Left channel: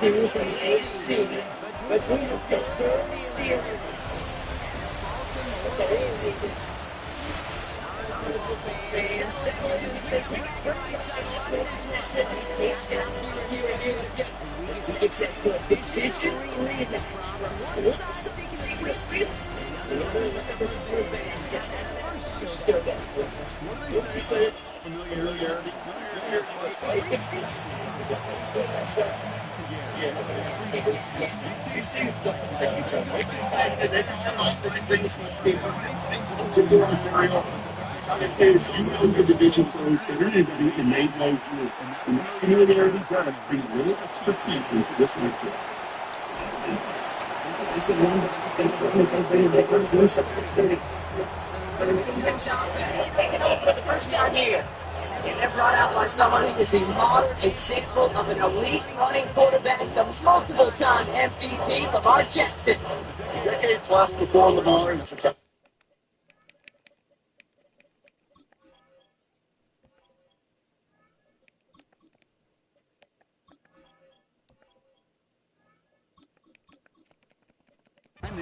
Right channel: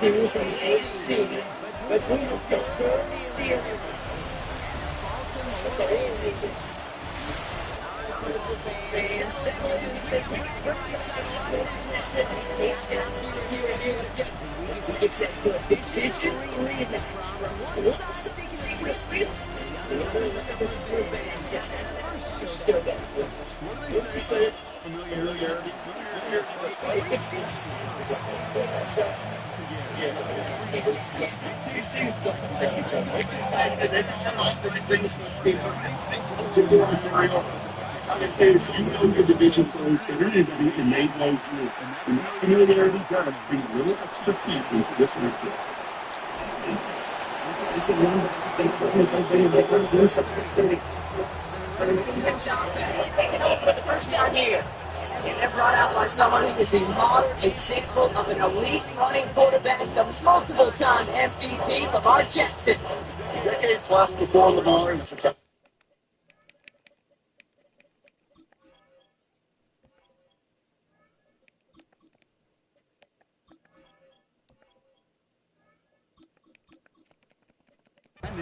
2 from the AC between the Pittsburgh Steelers. It's a good division rematch from West Field. Still got familiarity. These teams don't like each other. And then some often it brings to the if you know your division plays better than anybody, and they know you. And that familiarity does bring a little extra heat into this matchup. This is one that for the first time here. And they're brought out by someone who is the modern example of an elite running quarterback, the multiple-time MVP, Lamar Jackson. Decades last before Lamar.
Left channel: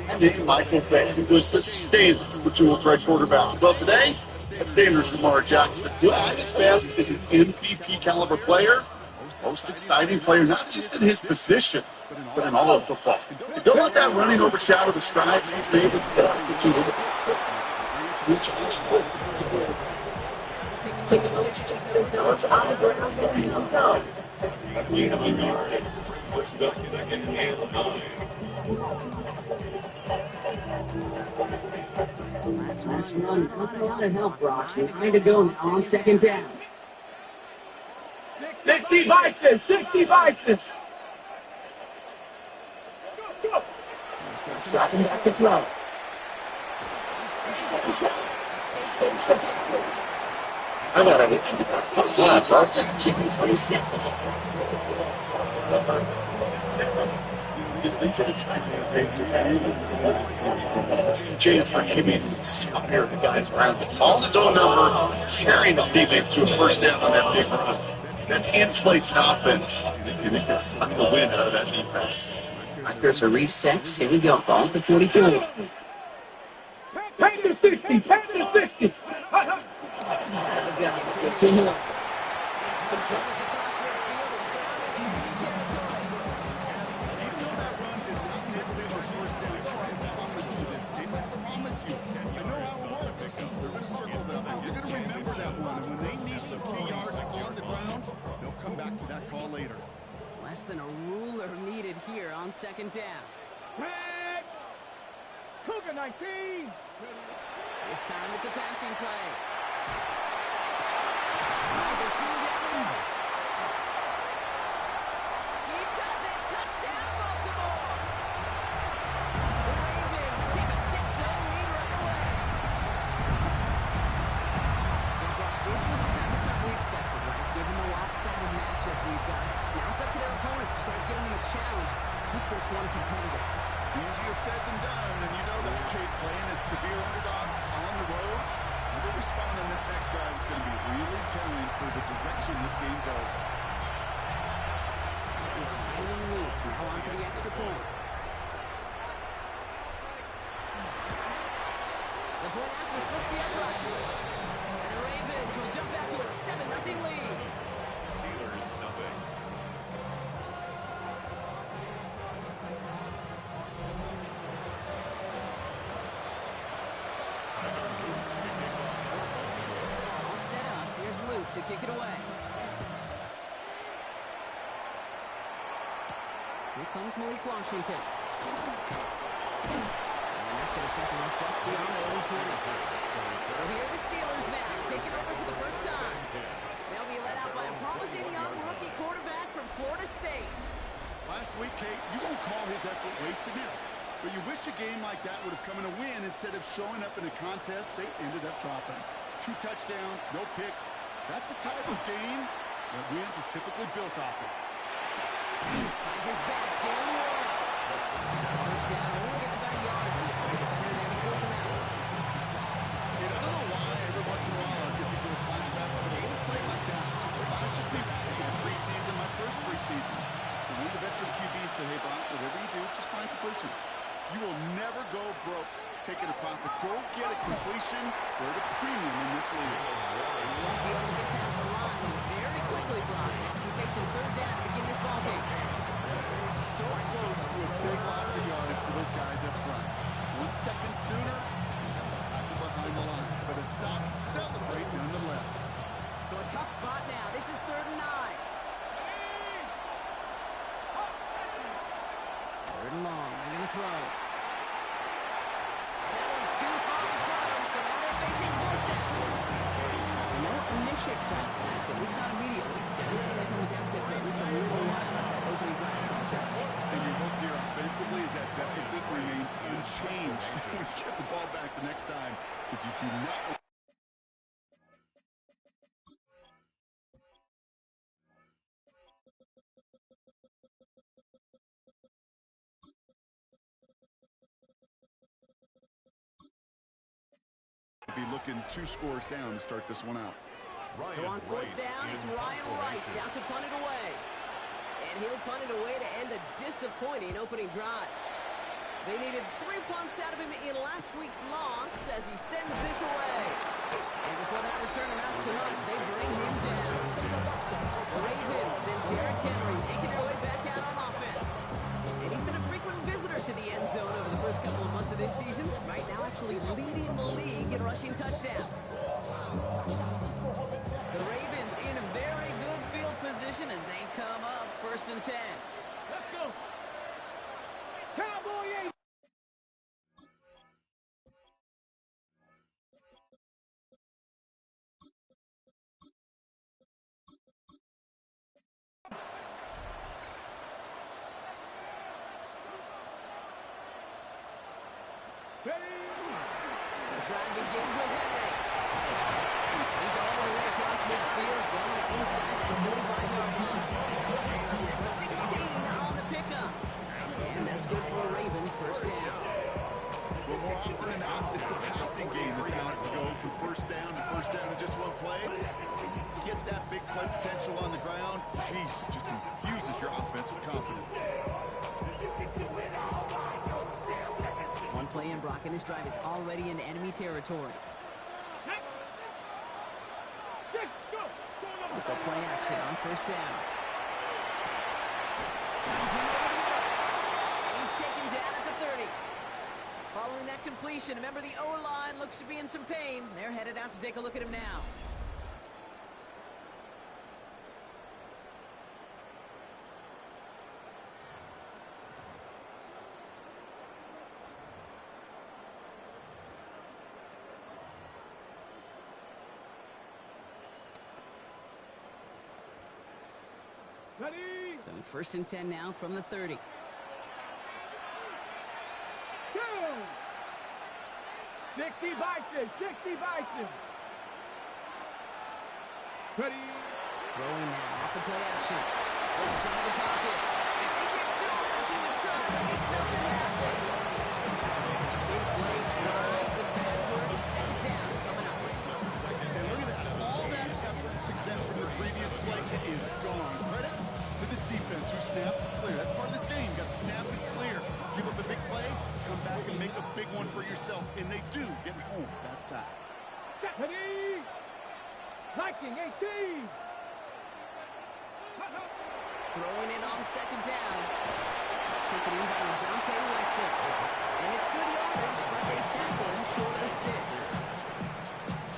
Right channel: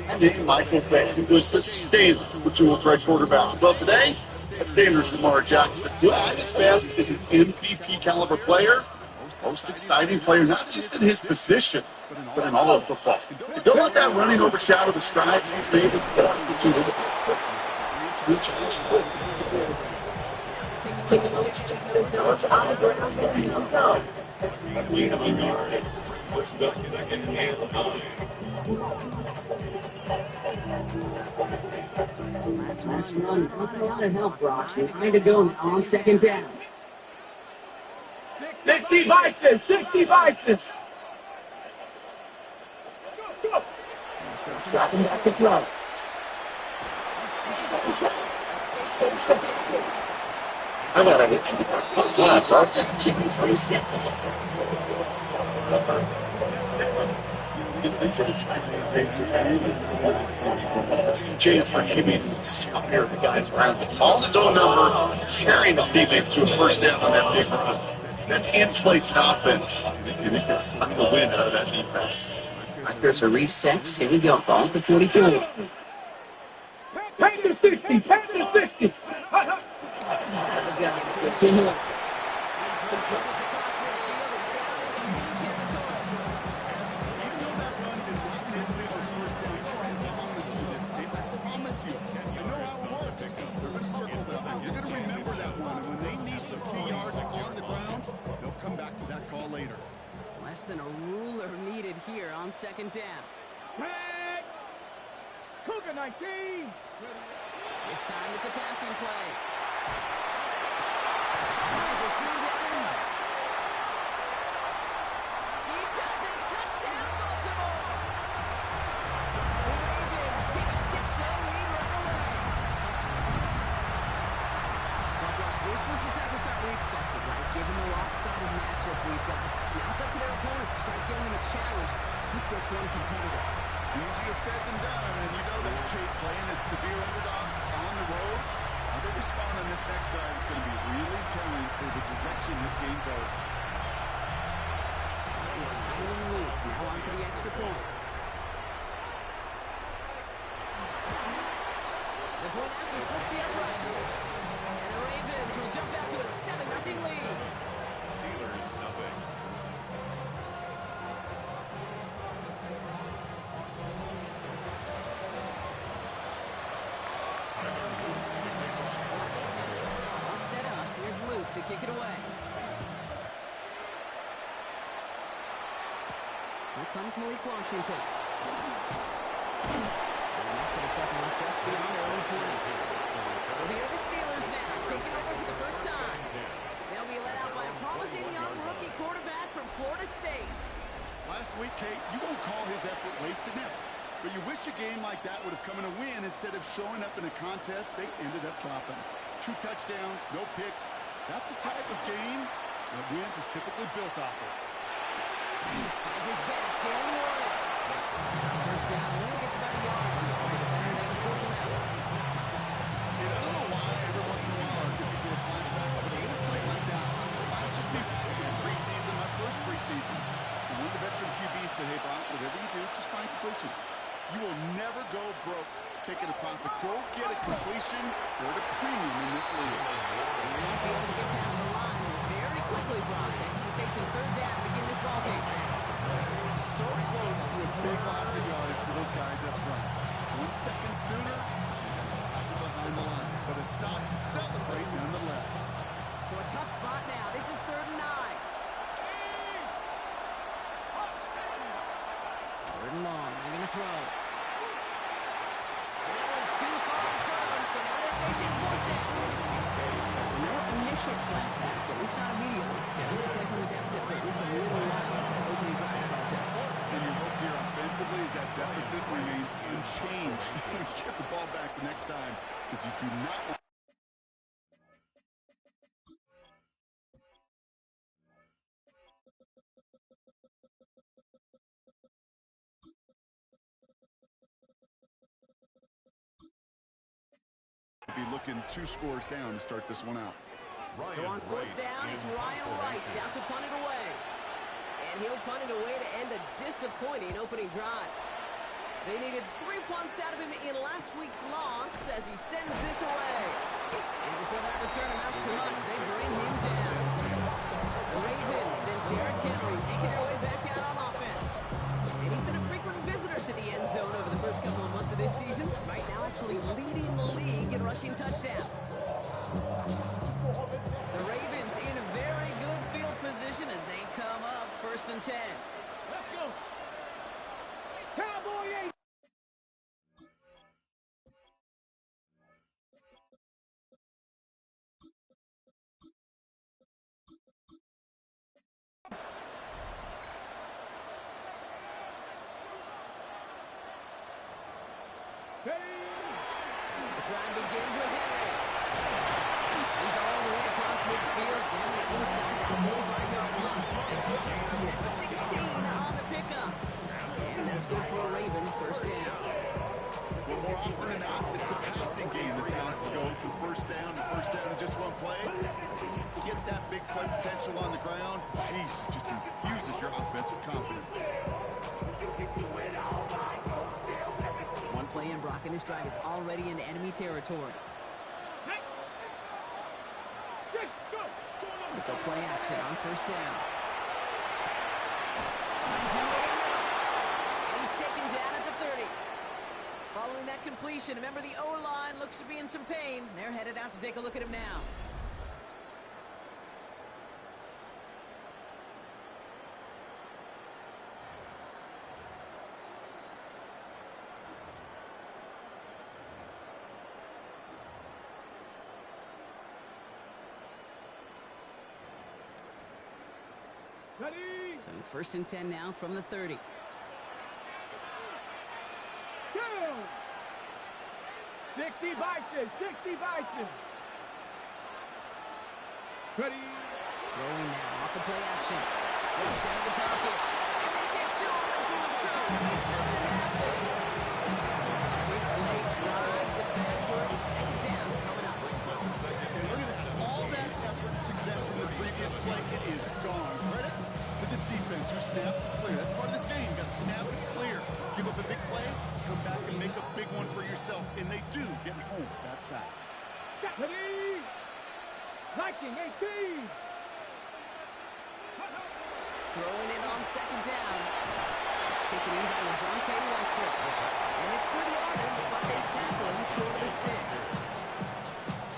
And Michael Bay was the standard for dual-threat quarterback. Well, today, that standard is Lamar Jackson. At his best is an MVP caliber player, most exciting player, not just in his position, but in all of football. Don't let that running overshadow the strides he's made with the take a look on the ground and go. Last run, not a lot of help, Brock. You're trying to go on second down. 60 Vikings! 60 Vikings! Dropping back to throw. I got it. Yeah, bro. These are the type of things that James for giving out here the guys around him. Calling his own number, carrying his teammates to a first down on that big run. That inflates an offense, and it gets suck the wind out of that defense. There's a reset. Here we go. Ball to 44. 10 to 60. 10 to 60. To that call later. Less than a ruler needed here on second down. Red! Cougar 19! This time it's a passing play. Finds a seam down the middle. He does it! Touchdown, Baltimore! The Ravens take a 6-0 lead right away. Well, Brock, this was the type of start we expected, right? Given the lopsided matchup we've got. Now it's up to their opponents to start giving them a challenge. Keep this one competitive. Easier said than done, and you know that kid playing as severe underdogs on the road. How they respond on this next drive is going to be really telling for the direction this game goes. Here's Tyler Luke, now on for the extra point. The point after splits the uprights. And the Ravens will jump out to a 7-0 lead. Steelers, nothing. All set up. Here's Luke to kick it away. Here comes Malik Washington. And that's going to set them up just beyond their own 20. So here are the Steelers now, taking over for the first time. They'll be led out by a promising young rookie quarterback from Florida State. Last week, Kate, you won't call his effort wasted now. But you wish a game like that would have come in a win instead of showing up in a contest they ended up dropping. 2 touchdowns, no picks. That's the type of game that wins are typically built off of. Finds his back, Jalen Warren. First down, only gets about a yard. The defender there to force him out. I don't know why every once in a while I get these little flashbacks, but a little play like that just flashes me back to the preseason, my first preseason. And one of the veteran QBs said, hey, Brock, whatever you do, just find completions. You will never go broke taking a profit. Go get a completion. They're at a premium in this league. He won't be able to get past the line very quickly, Brock. He's facing third down to begin this ball game. So close to a big loss of yardage for those guys up front. 1 second sooner, you have a tackle behind the line. But a stop to celebrate nonetheless. So a tough spot now. This is 3rd and 9. 3rd and long. They're going to throw. And that one's too far in front of them, so now they're facing 4th down. So no initial clapback, at least not immediately. They have to play from the deficit for at least a little while as that opening drive stalls out. And your hope here offensively is that deficit remains unchanged when you get the ball back the next time, because you do not want to be looking 2 scores down to start this one out. So on 4th down, it's Ryan Wright out to punt it away. And he'll punt it away to end a disappointing opening drive. They needed 3 punts out of him in last week's loss as he sends this away. And before that return amounts to much, they bring him down. The Ravens and Derrick Henry making their way back out on offense. And he's been a frequent visitor to the end zone over the first couple of months of this season. Right now actually leading the league in rushing touchdowns. The Ravens in a very good field position as they come up 1st and 10. Let's go. Cowboy 8. The drive begins with Henry. He's all the way across midfield, down inside that 25-yard line. 16 on the pickup. And that's good for a Ravens 1st down. Well, more often than not, it's the passing game that's asked to go from 1st down to 1st down in just one play. Get that big play potential on the ground. Jeez, it just infuses your offense with confidence. One play in, Brock, and this drive is already into enemy territory. Go play action on 1st down. Finds him over the middle. And he's taken down at the 30. Following that completion, remember the O-line looks to be in some pain. They're headed out to take a look at him now. So 1st and 10 now from the 30. Go. 60 Bison. 60 Bison. Ready. Throwing now off the play action. Goes down to the pocket. And they get to him as he was trying to make something happen. A big play drives the backwards. 2nd down coming up. And look at that. All that effort and success from the previous play is gone. Credit to this defense who snapped and clear. That's part of this game. You got to snap and clear. Give up a big play, come back and make a big one for yourself. And they do get home that side. Ready. Viking 18. Throwing it on 2nd down. It's taken in by LeJohntay Wester. And it's good yardage, but they tackle him short of the sticks.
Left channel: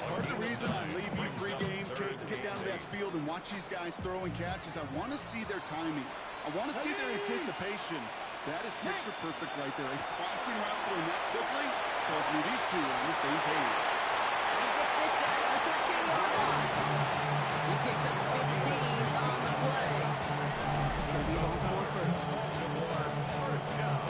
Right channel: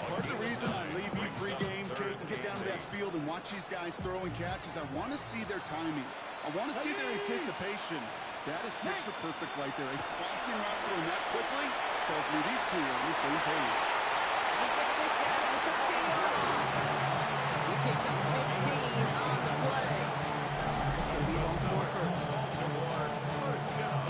Part of the reason I leave you pregame, Kate, and get down to that field and watch these guys throw and catch is I want to see their timing. I want to see their anticipation. That is picture perfect right there. A crossing route throwing that quickly tells me these two are on the same page. And he gets this down to the 13-yard line. He picks up 15 on the play. It's going to be Baltimore first. First down.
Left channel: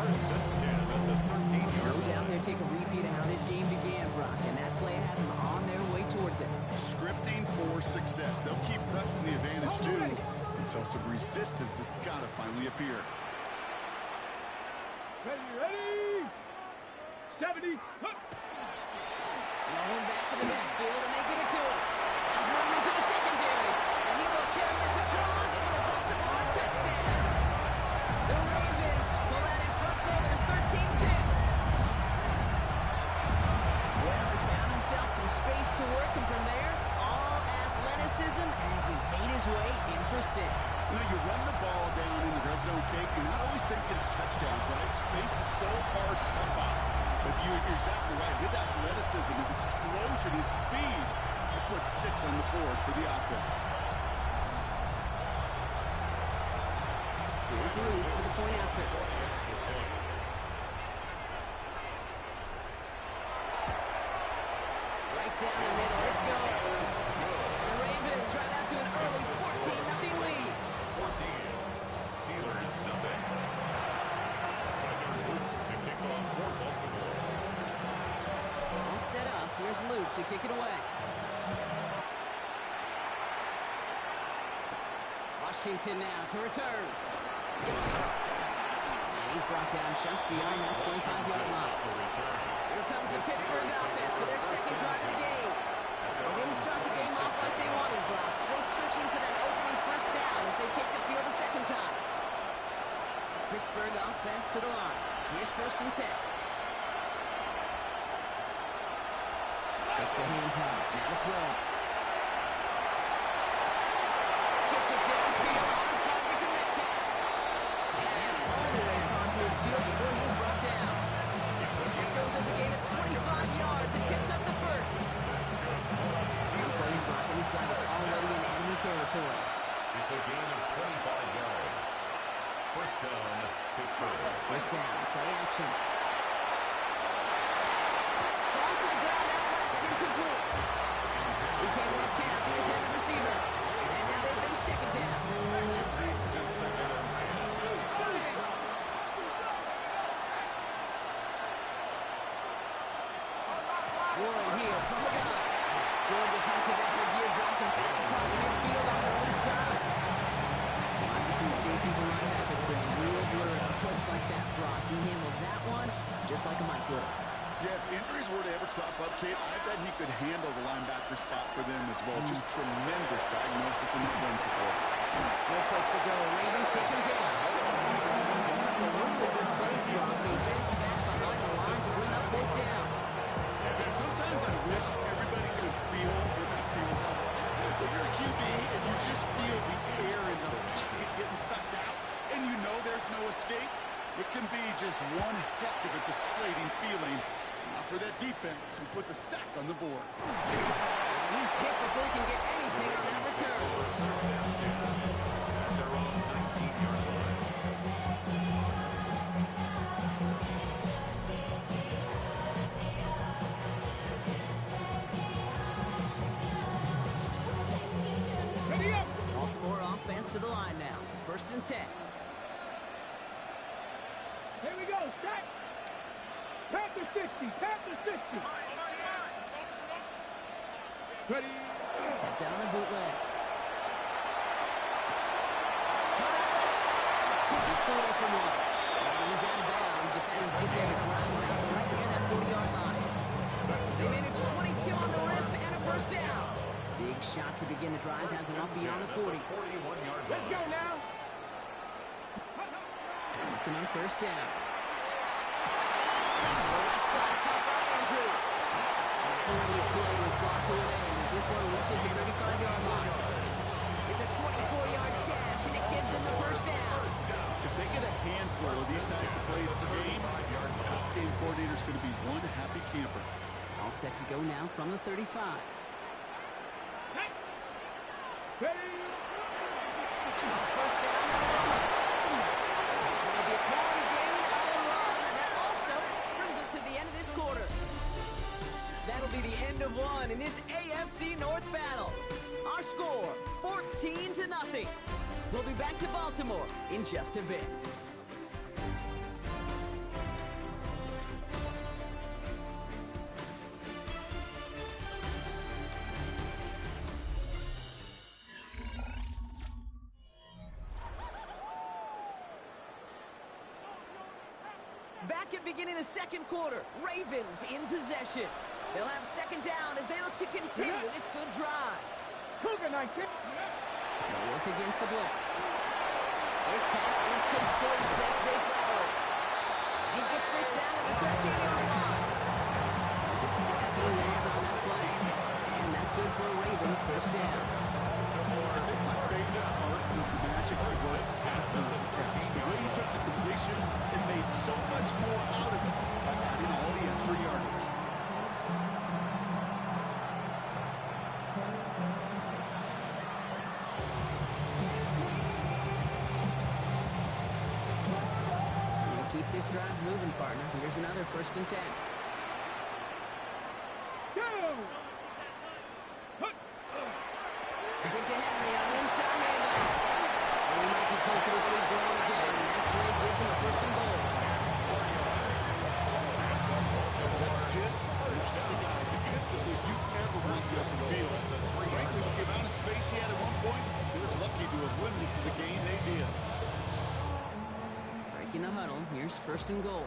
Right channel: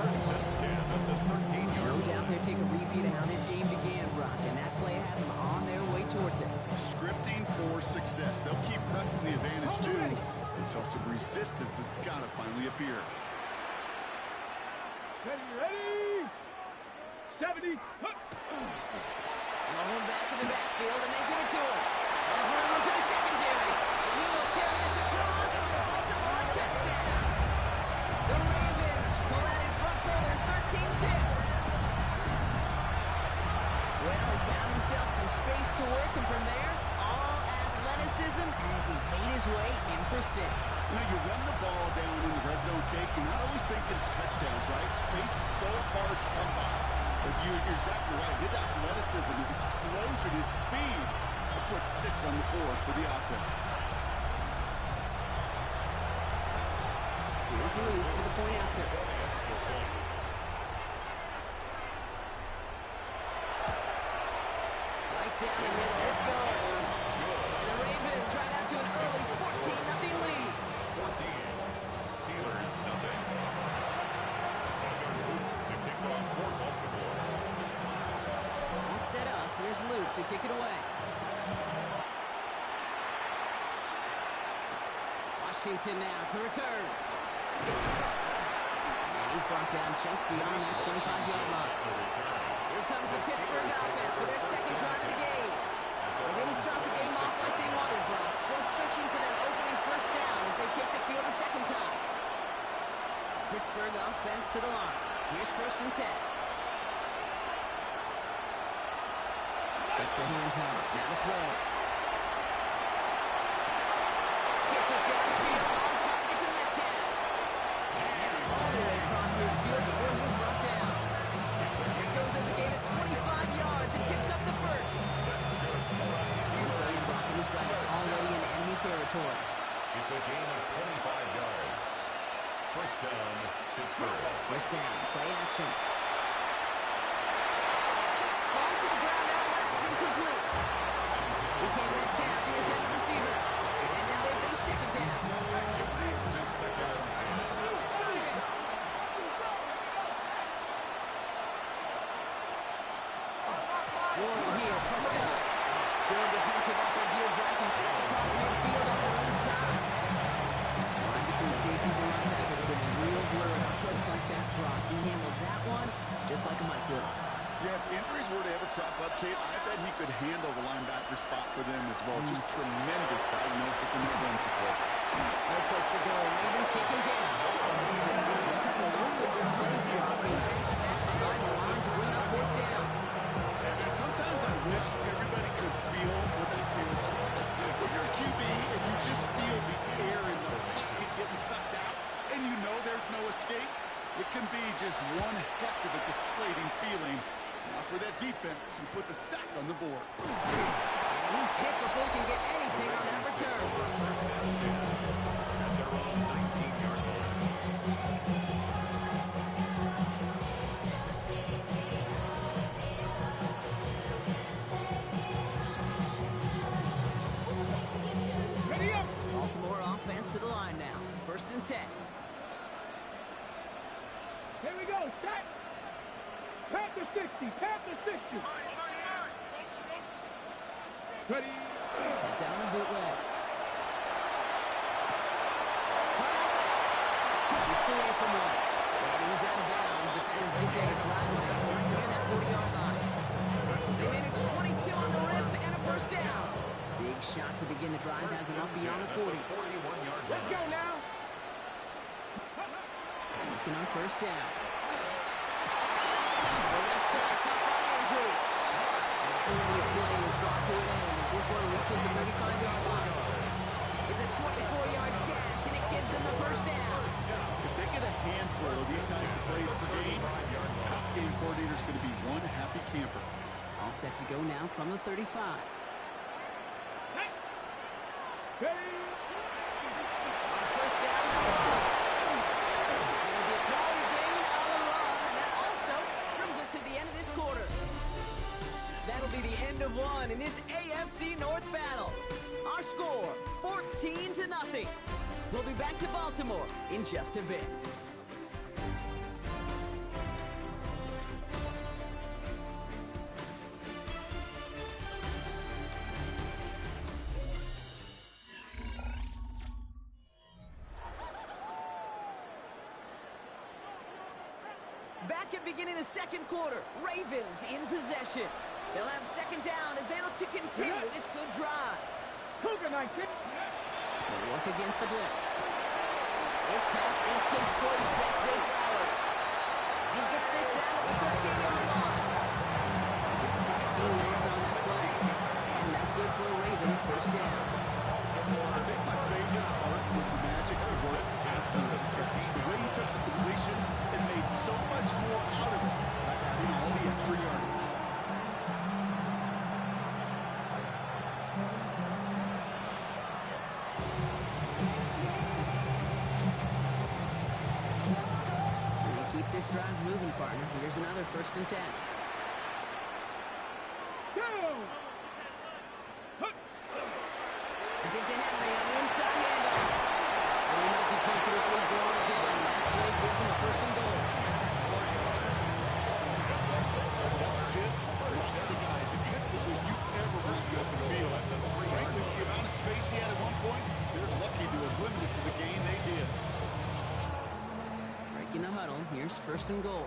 1st and 10 at the 13-yard line. No doubt they'll take a repeat of how this game began, Brock, and that play has them on their way towards it. Scripting for success. They'll keep pressing the advantage, too, until some resistance has got to finally appear. Ready. 70. Blown back in the backfield, and they give it to him. There's room into the secondary, and he will carry this across for the Baltimore touchdown. as he made his way in for 6. You know, you run the ball down in the red zone, Kate, you're not always thinking touchdowns, right? Space is so hard to come by. But you're exactly right. His athleticism, his explosion, his speed will put 6 on the board for the offense. Here's Luke for the point after. Right down the middle. It's good. And the Ravens drive out to an early 14-0 lead. 14. Steelers, nothing. Tiger Luke to kick off for Baltimore. All set up. Here's Luke to kick it away. Washington now to return. And he's brought down just beyond that 25-yard line. Here comes the Pittsburgh offense for their second drive of the game. They didn't start the game off like they wanted, Brock. Still searching for that opening first down as they take the field a second time. Pittsburgh offense to the line. Here's 1st and 10. Takes the handoff. Now to throw. Gets it downfield on target to Metcalf. And all the way across midfield before he was brought down. It goes as a gain of 25 yards and picks up the first. And playing Brock, and his drive is already in enemy territory. It's a gain of 25 yards. First down, Pittsburgh. First down, play action. Falls to the ground out left, incomplete. Became Metcalf, the intended receiver. And now they face second down. It leads to 2nd and 10. Warren here from the gun. Good defensive effort here, drives him back across midfield on their own side. The line between safeties and linebackers gets real blurred on plays like that, Brock. He handled that one just like a Mike would have. Yeah, if injuries were to ever crop up, Kate, I bet he could handle the linebacker spot for them as well. Just tremendous diagnosis and run support. No place to go. Ravens take him down. A couple of really good plays, Brock. Being back-to-back behind the line to bring up 4th down. Sometimes I wish everybody could feel what that feels like. When you're a QB and you just feel the air in the pocket getting sucked out and you know there's no escape, it can be just one heck of a deflating feeling. Now for that defense, who puts a sack on the board. He's hit before he can get anything on that return. First down 10 at their own 19-yard line. Ready up. Baltimore offense to the line now. 1st and 10. Here we go. Set. Panther 60. Panther 60. Ready. Heads out on the bootleg. Cut out left. Shoots away from one. And he's out of bounds. Defenders get there to drive him out right near that 40-yard line. They manage 22 on the rip and a first down. Big shot to begin the drive. Has him up beyond the 40. 41-yard line. Let's go now. Looking on first down. The left side caught by Andrews. The play is brought to an end as this one reaches the 35-yard line. It's a 24-yard gash, and it gives them the first down. If they get a handful of these types of plays per game, pass game coordinator is going to be one happy camper. All set to go now from the 35. Ready. On first down, they'll run. It'll be a quality gain on the run, and that also brings us to the end of this quarter. That'll be the end of one in this AFC North battle. Our score, 14-0. We'll be back to Baltimore in just a bit. Back at beginning of the second quarter, Ravens in possession. They'll have second down as they look to continue this good drive. Cougar 19. They'll work against the blitz. This pass is complete. That's Zay Flowers. He gets this down to the 13-yard line. Gets 16 yards on that play. And that's good for a Ravens first down. I think my favorite part was the magic he worked after the catch. The way he took the completion and made so much more out of it by adding all the extra yardage. Keep this drive moving, partner. Here's another 1st and 10. Go! Get to Henry on the inside handoff. And he might be close to this lead growing again. That play gives him a 1st and goal. That's just not the guy defensively you ever want to open field. Frankly, with the amount of space he had at one point, they're lucky to have limited to the game they did. Breaking the huddle. Here's 1st and goal.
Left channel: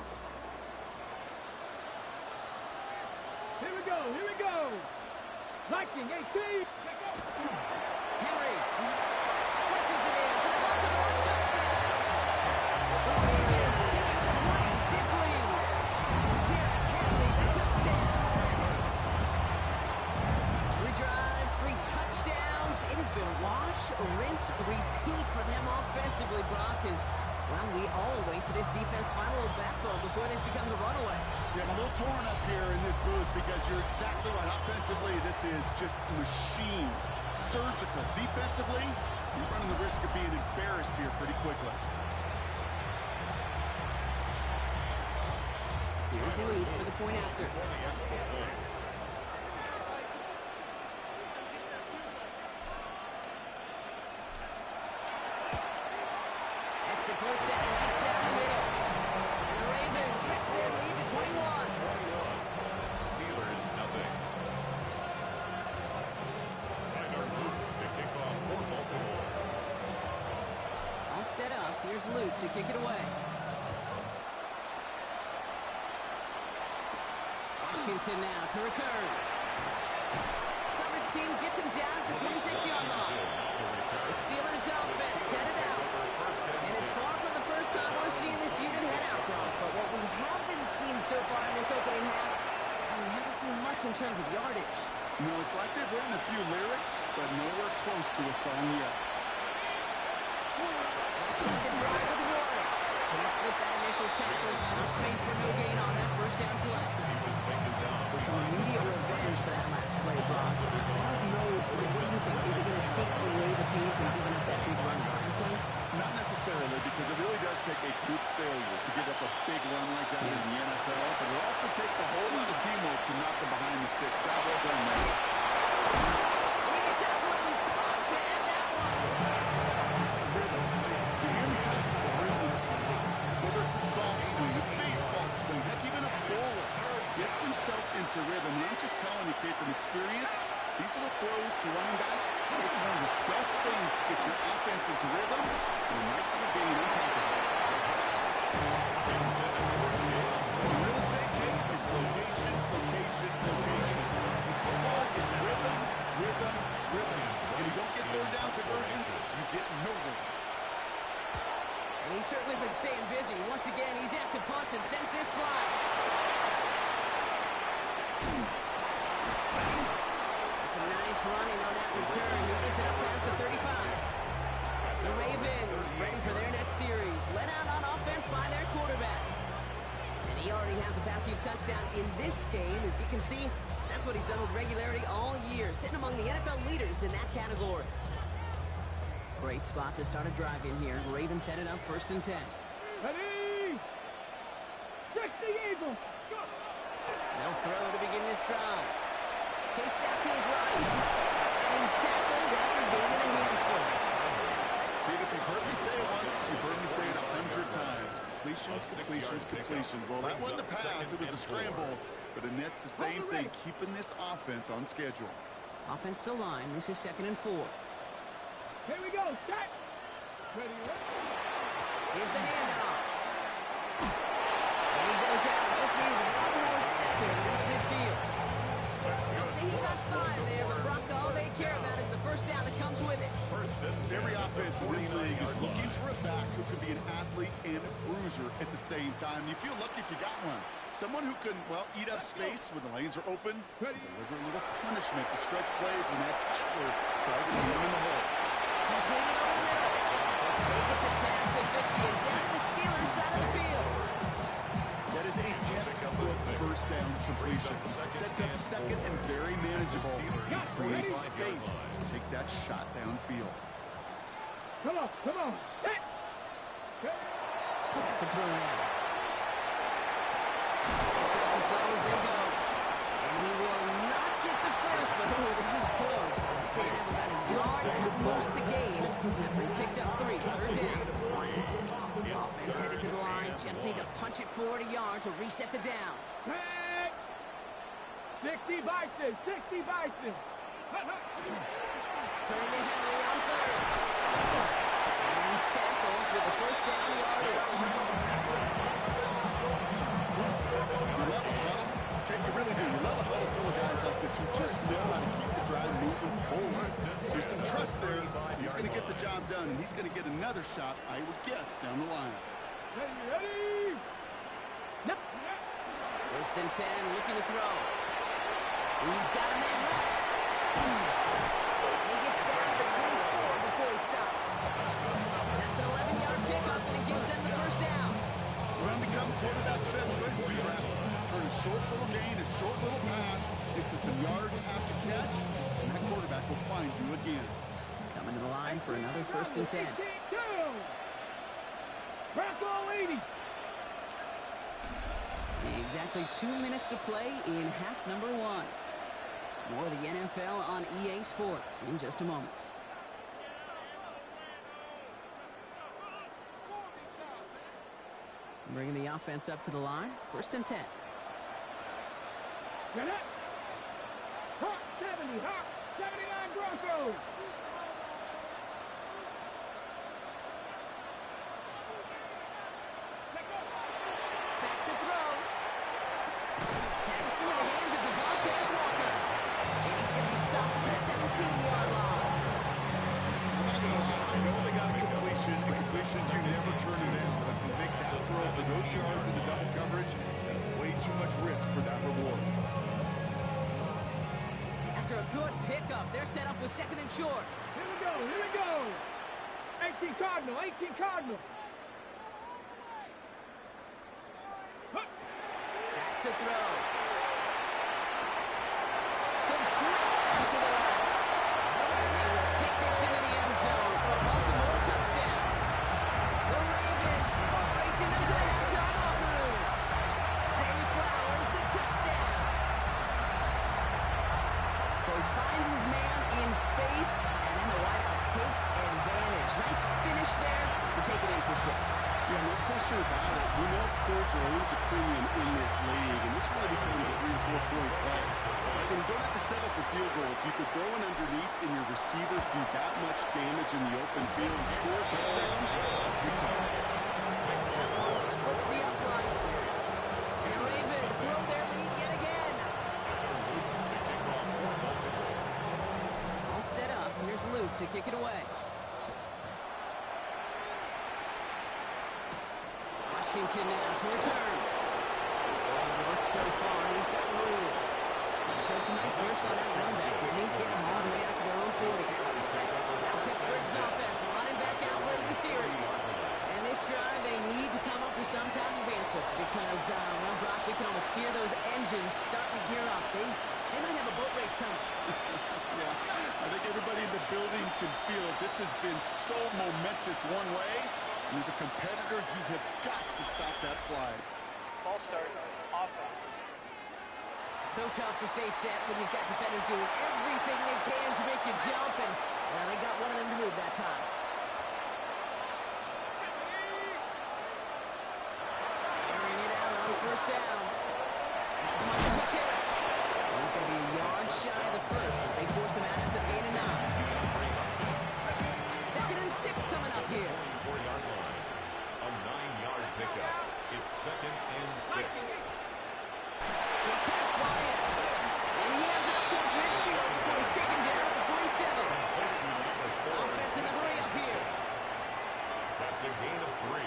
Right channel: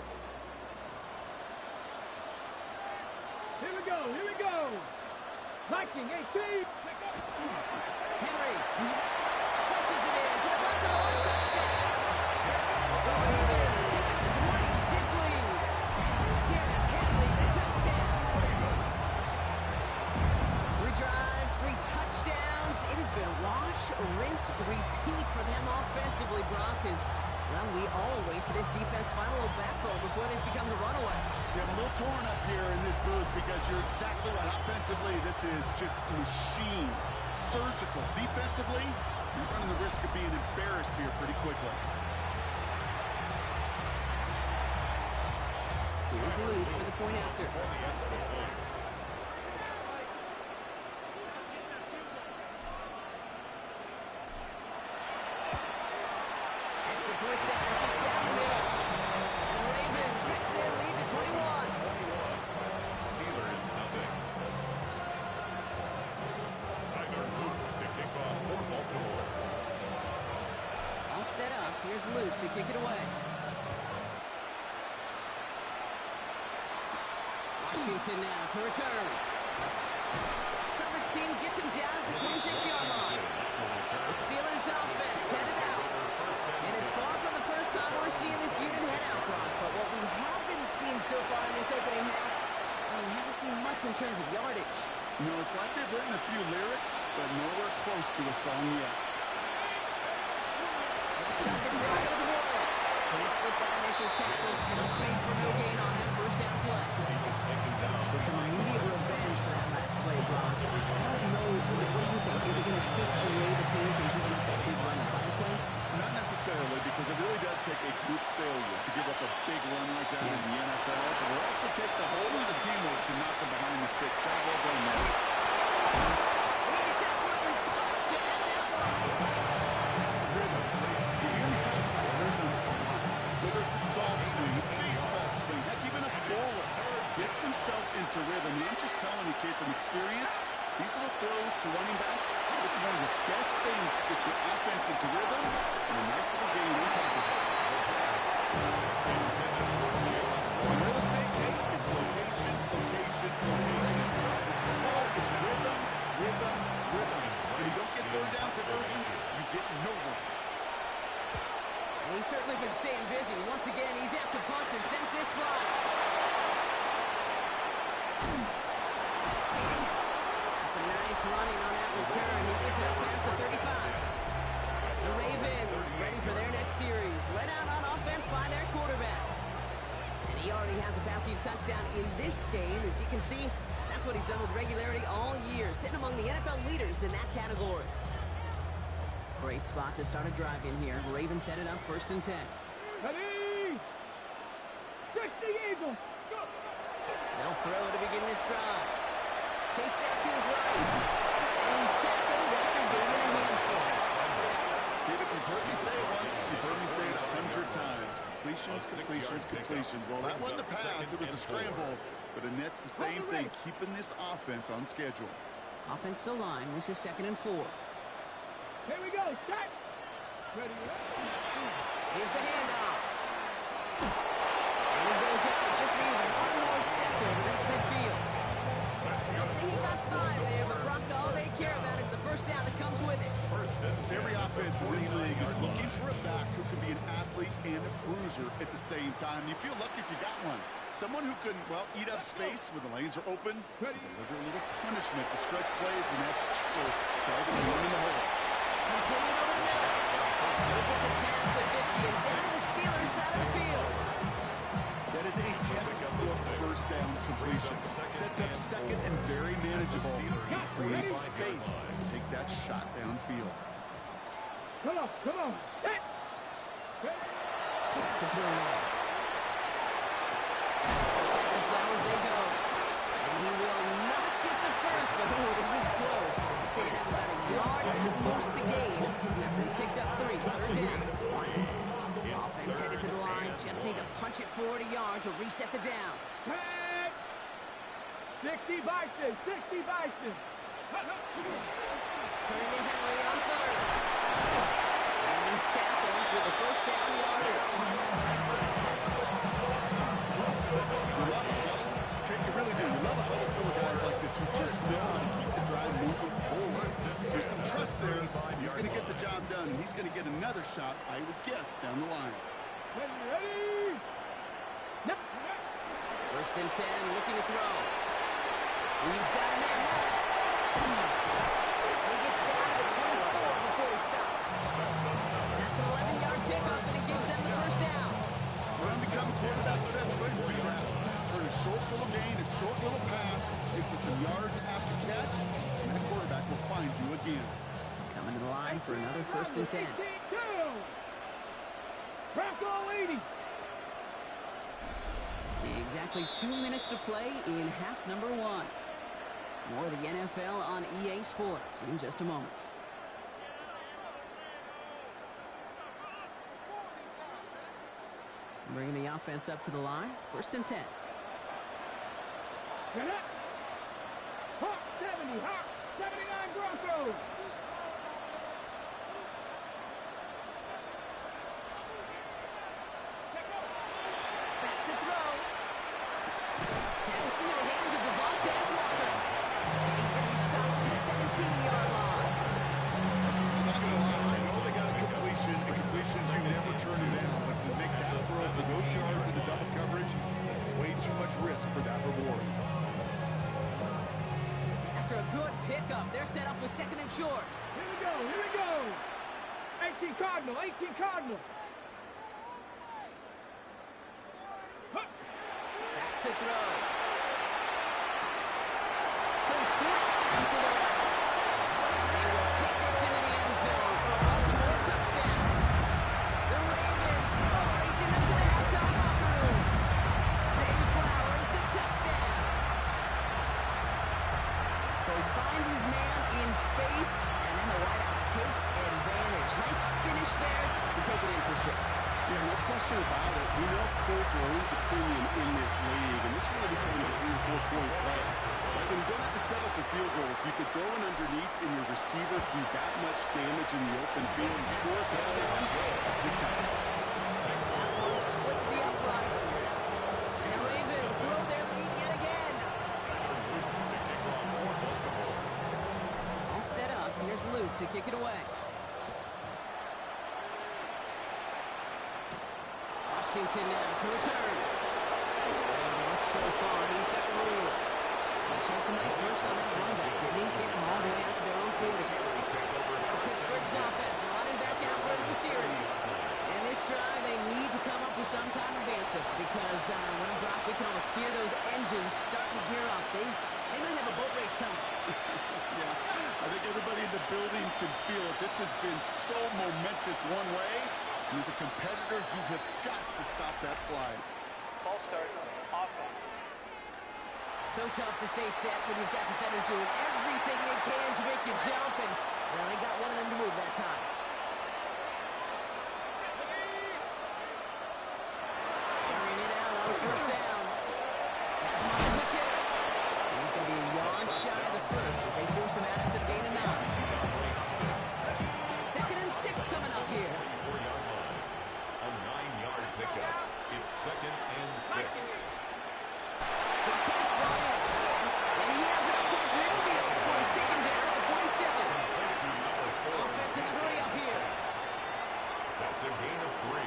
Here we go, here we go. Viking, 18. Pick up. Henry punches it in for the Baltimore touchdown. The Ravens take a 20-zip lead. Derrick Henry, the touchdown. 3 drives, 3 touchdowns. It has been wash, rinse, repeat for them offensively, Brock, as well, we all wait for this defense to find a little backbone before this becomes a runaway. Yeah, I'm a little torn up here in this booth because you're exactly right. Offensively, this is just machine. Surgical. Defensively, you're running the risk of being embarrassed here pretty quickly. Here's Luke for the point after. Extra point set right down the middle. And the Ravens stretch their lead to 21. Steelers, nothing. Tyler Luke to kick off for Baltimore. All set up. Here's Luke to kick it away. Washington now to return. Coverage team gets him down at the 26-yard line. The Steelers offense headed out. And it's far from the first time we're seeing this unit head out, Brock. But what we haven't seen so far in this opening half, well, we haven't seen much in terms of yardage. You know, it's like they've written a few lyrics, but nowhere close to a song yet. Let's start the drive with Warren. Can't slip that initial tackle. Stops made for no gain on that 1st down play. He was taken down. So some immediate revenge for that last play, Brock. I don't know. What do you think? Is it going to take away the pain from giving up that big run prior play? Not necessarily, because it really does take a group failure to give up a big run like that in the NFL, but it also takes a whole lot of teamwork to knock them behind the sticks. Job well done, man. I mean, it's absolutely popped to end that one. Rhythm. You hear me talk about rhythm a lot. Whether it's a golf swing, a baseball swing, heck, even a bowler gets himself into rhythm. And I'm just telling you, kid, from experience, these little throws to running backs, it's one of the best things to get your offense into rhythm and a nice little gain on top of it. In real estate, Kate, it's location, location, location. In football, it's rhythm, rhythm, rhythm. When you don't get 3rd down conversions, you get nowhere. And he's certainly been staying busy. Once again, he's out to punt and sends this flying. Some nice running on that return. He gets it up past the 35. The Ravens ready for their next series. Let out on offense by their quarterback. And he already has a passing touchdown in this game. As you can see, that's what he's done with regularity all year, sitting among the NFL leaders in that category. Great spot to start a drive in here. Ravens headed up 1st and 10. Ready? 60 Eagles. Go. They'll throw to begin this drive. Chased out to his right. And he's tackled after gaining a handful. Kid, if you've heard me say it once, you've heard me say it 100 times. Completions, completions, completions. Well, that wasn't a pass. It was a scramble. But Annette's the same thing, keeping this offense on schedule. Offense to line. This is 2nd and 4. Here we go. Set. Ready, ready. Here's the handoff. And he goes out. Just needed one more step there to reach midfield. They'll say he got 5 there, but Brock, all they care about is the 1st down that comes with it. Every offense in this league is looking for a back who can be an athlete and a bruiser at the same time. You feel lucky if you got one. Someone who can, well, eat up space when the lanes are open and deliver a little punishment to stretch plays when that tackler tries to get him in the hole. first down completion. Sets up second and very manageable. Creates space to take that shot downfield. Come on, set. Back to throw now. Back to Flowers they go. And he will not get the first, but this is close. Looks like they're going to have about a yard at most to gain after he picked up 3. Third down. Offense headed to the line. Just need to punch it forward a yard to reset the downs. 60 Bison, 60 Bison. Turning to Henry on third. And he's tackled with the first down yardage. You really do. You love a huddle full of guys like this who just know how to keep the drive moving forward. There's some trust there. He's going to get the job done, and he's going to get another shot, I would guess, down the line. Ready? Yep. First and 10, looking to throw. He's got a man left. He gets down to the 24 before he stops. That's an 11-yard pickup, and it gives them the first down. Run become quarterback's best friend. Do that. Turn a short little gain, a short little pass into some yards after catch, and that quarterback will find you again. Coming to the line for another first and 10. Bronco 80. Exactly 2 minutes to play in half number 1. More of the NFL on EA Sports in just a moment. Bringing the offense up to the line. First and 10. Get up. Hawk 70, Hawk 79 Broncos. Back to throw. Pass into the hands of Devontae Walker. And he's going to be stopped at the 17-yard line. I'm not going to lie. I know they got a completion, and completions you never turn them down. But to make that throw for those yards into double coverage, that's way too much risk for that reward. After a good pickup, they're set up with second and short. Here we go. 18 Cardinal. Back to throw. Complete into the right. They will take this into the end zone for a Baltimore touchdown. The Ravens are racing them to the halftime locker room. Zay Flowers, the touchdown. So he finds his man in space, and then the wideout takes advantage. Nice finish there to take it in for 6. Yeah, no question about it. We know points are always a premium in this league, and this really becomes a 3 or 4 point play. Right? When you don't have to settle for field goals, you could throw it underneath, and your receivers do that much damage in the open field and score a touchdown. That's big time. That one splits the uprights. And the Ravens grow their lead yet again. All set up. Here's Luke to kick it away. Washington now to return. Works so far. He's got room. He showed some nice burst on that run back, didn't he? Getting them all the way out to their own 40. Now Pittsburgh's offense running back out for a new series. And this drive, they need to come up with some type of answer because, well, Brock, we can almost hear those engines starting to gear up. They might have a boat race coming. Yeah, I think everybody in the building can feel it. This has been so momentous one way. And as a competitor, you have got to stop that slide. False start, offense. So tough to stay set when you've got defenders doing everything they can to make you jump, and well, they got one of them to move that time. Carrying it out on first down. That's him on the quick hitter. And he's going to be a yard shy of the first as they force him out after the gain of 9. Second and 6 coming up here. 44-yard line. A 9-yard pickup. It's second and 6. So a pass brought in. And he has it up towards midfield before he's taken down at the 47. Offense in the hurry up here. That's a gain of 3.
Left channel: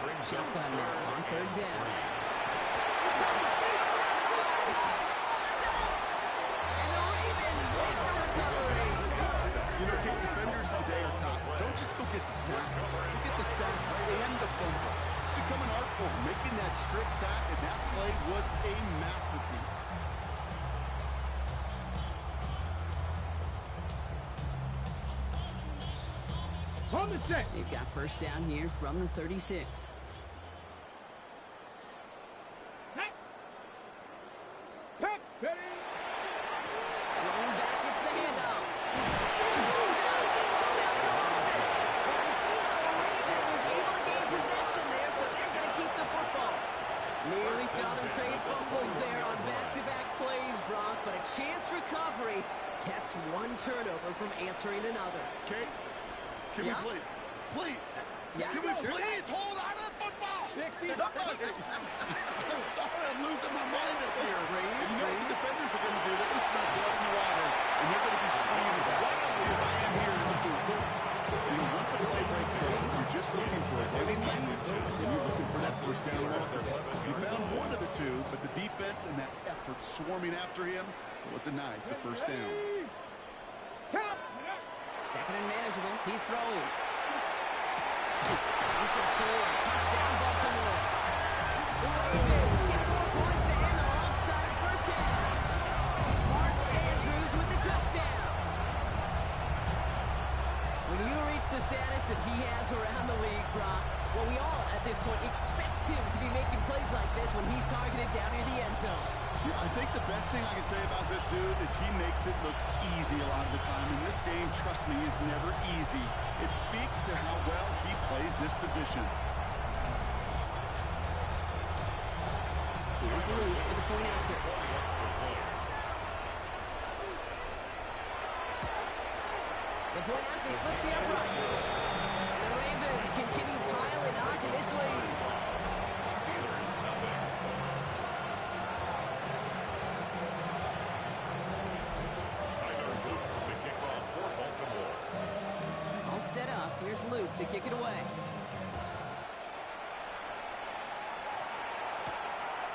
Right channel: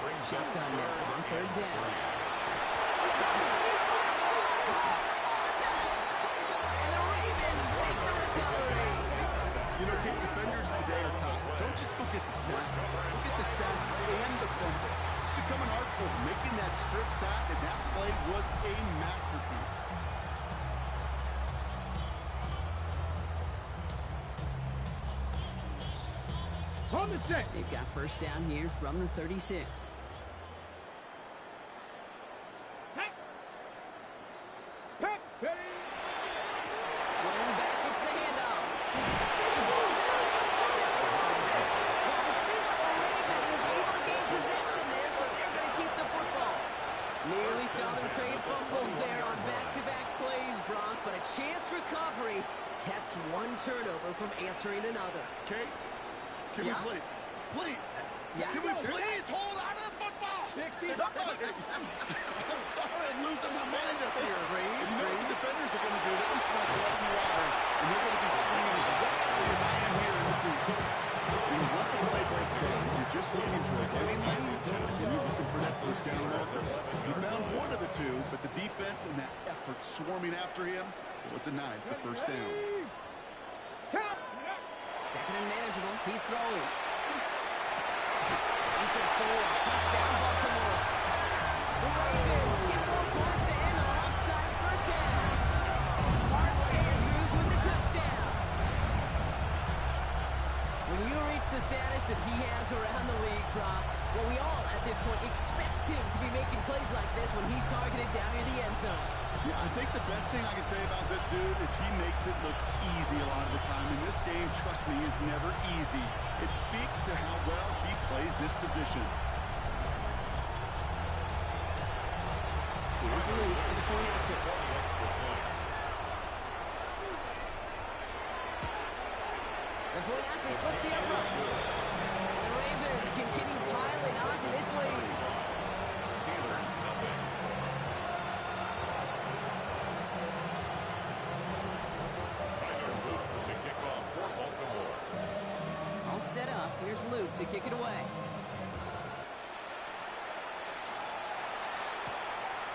Brings up Shotgun now on third down. And the Ravens make the recovery. You know, Kate, defenders today are top. Don't just go get the sack. Go get the sack and the fumble. It's become an art form, making that strip sack, and that play was a masterpiece. On the set. They've got first down here from the 36. Pack. Pack. Ready. Going back, it's the handoff. Ball's out, he lost it. But I think Raven was able to gain possession there, so they're going to keep the football. Nearly saw them trade fumbles there on back-to-back plays, Brock, but a chance recovery kept one turnover from answering another. Kate, can we please, Yeah. can we please hold on to the football? 60. Somebody. I'm sorry, I'm losing my mind up here. And you know what the defenders are going to do? They're going to smell blood in the water, and they're going to be swinging as wildly as I am here in the booth. You know, once a play breaks down, you're just looking for a running lane, and you're looking for that first down marker. He found one of the two, but the defense and that effort swarming after him, well, it denies the first down. Count. Second and manageable. He's throwing. He's going to score a touchdown, Baltimore. The Ravens get 4 points to end the offside first half. Mark Andrews with the touchdown. When you reach the status that he has around the league, Brock, well, we all at this point expect him to be making plays like this when he's targeted down near the end zone. Yeah, I think the best thing I can say about this dude is he makes it look easy a lot of the time. And this game, trust me, is never easy. It speaks to how well he plays this position. Here's Luke for the point after. The point after splits the uprights. And the Ravens continue piling onto this lead. Steelers nothing. To kick off for Baltimore. All set up. Here's Luke to kick it away.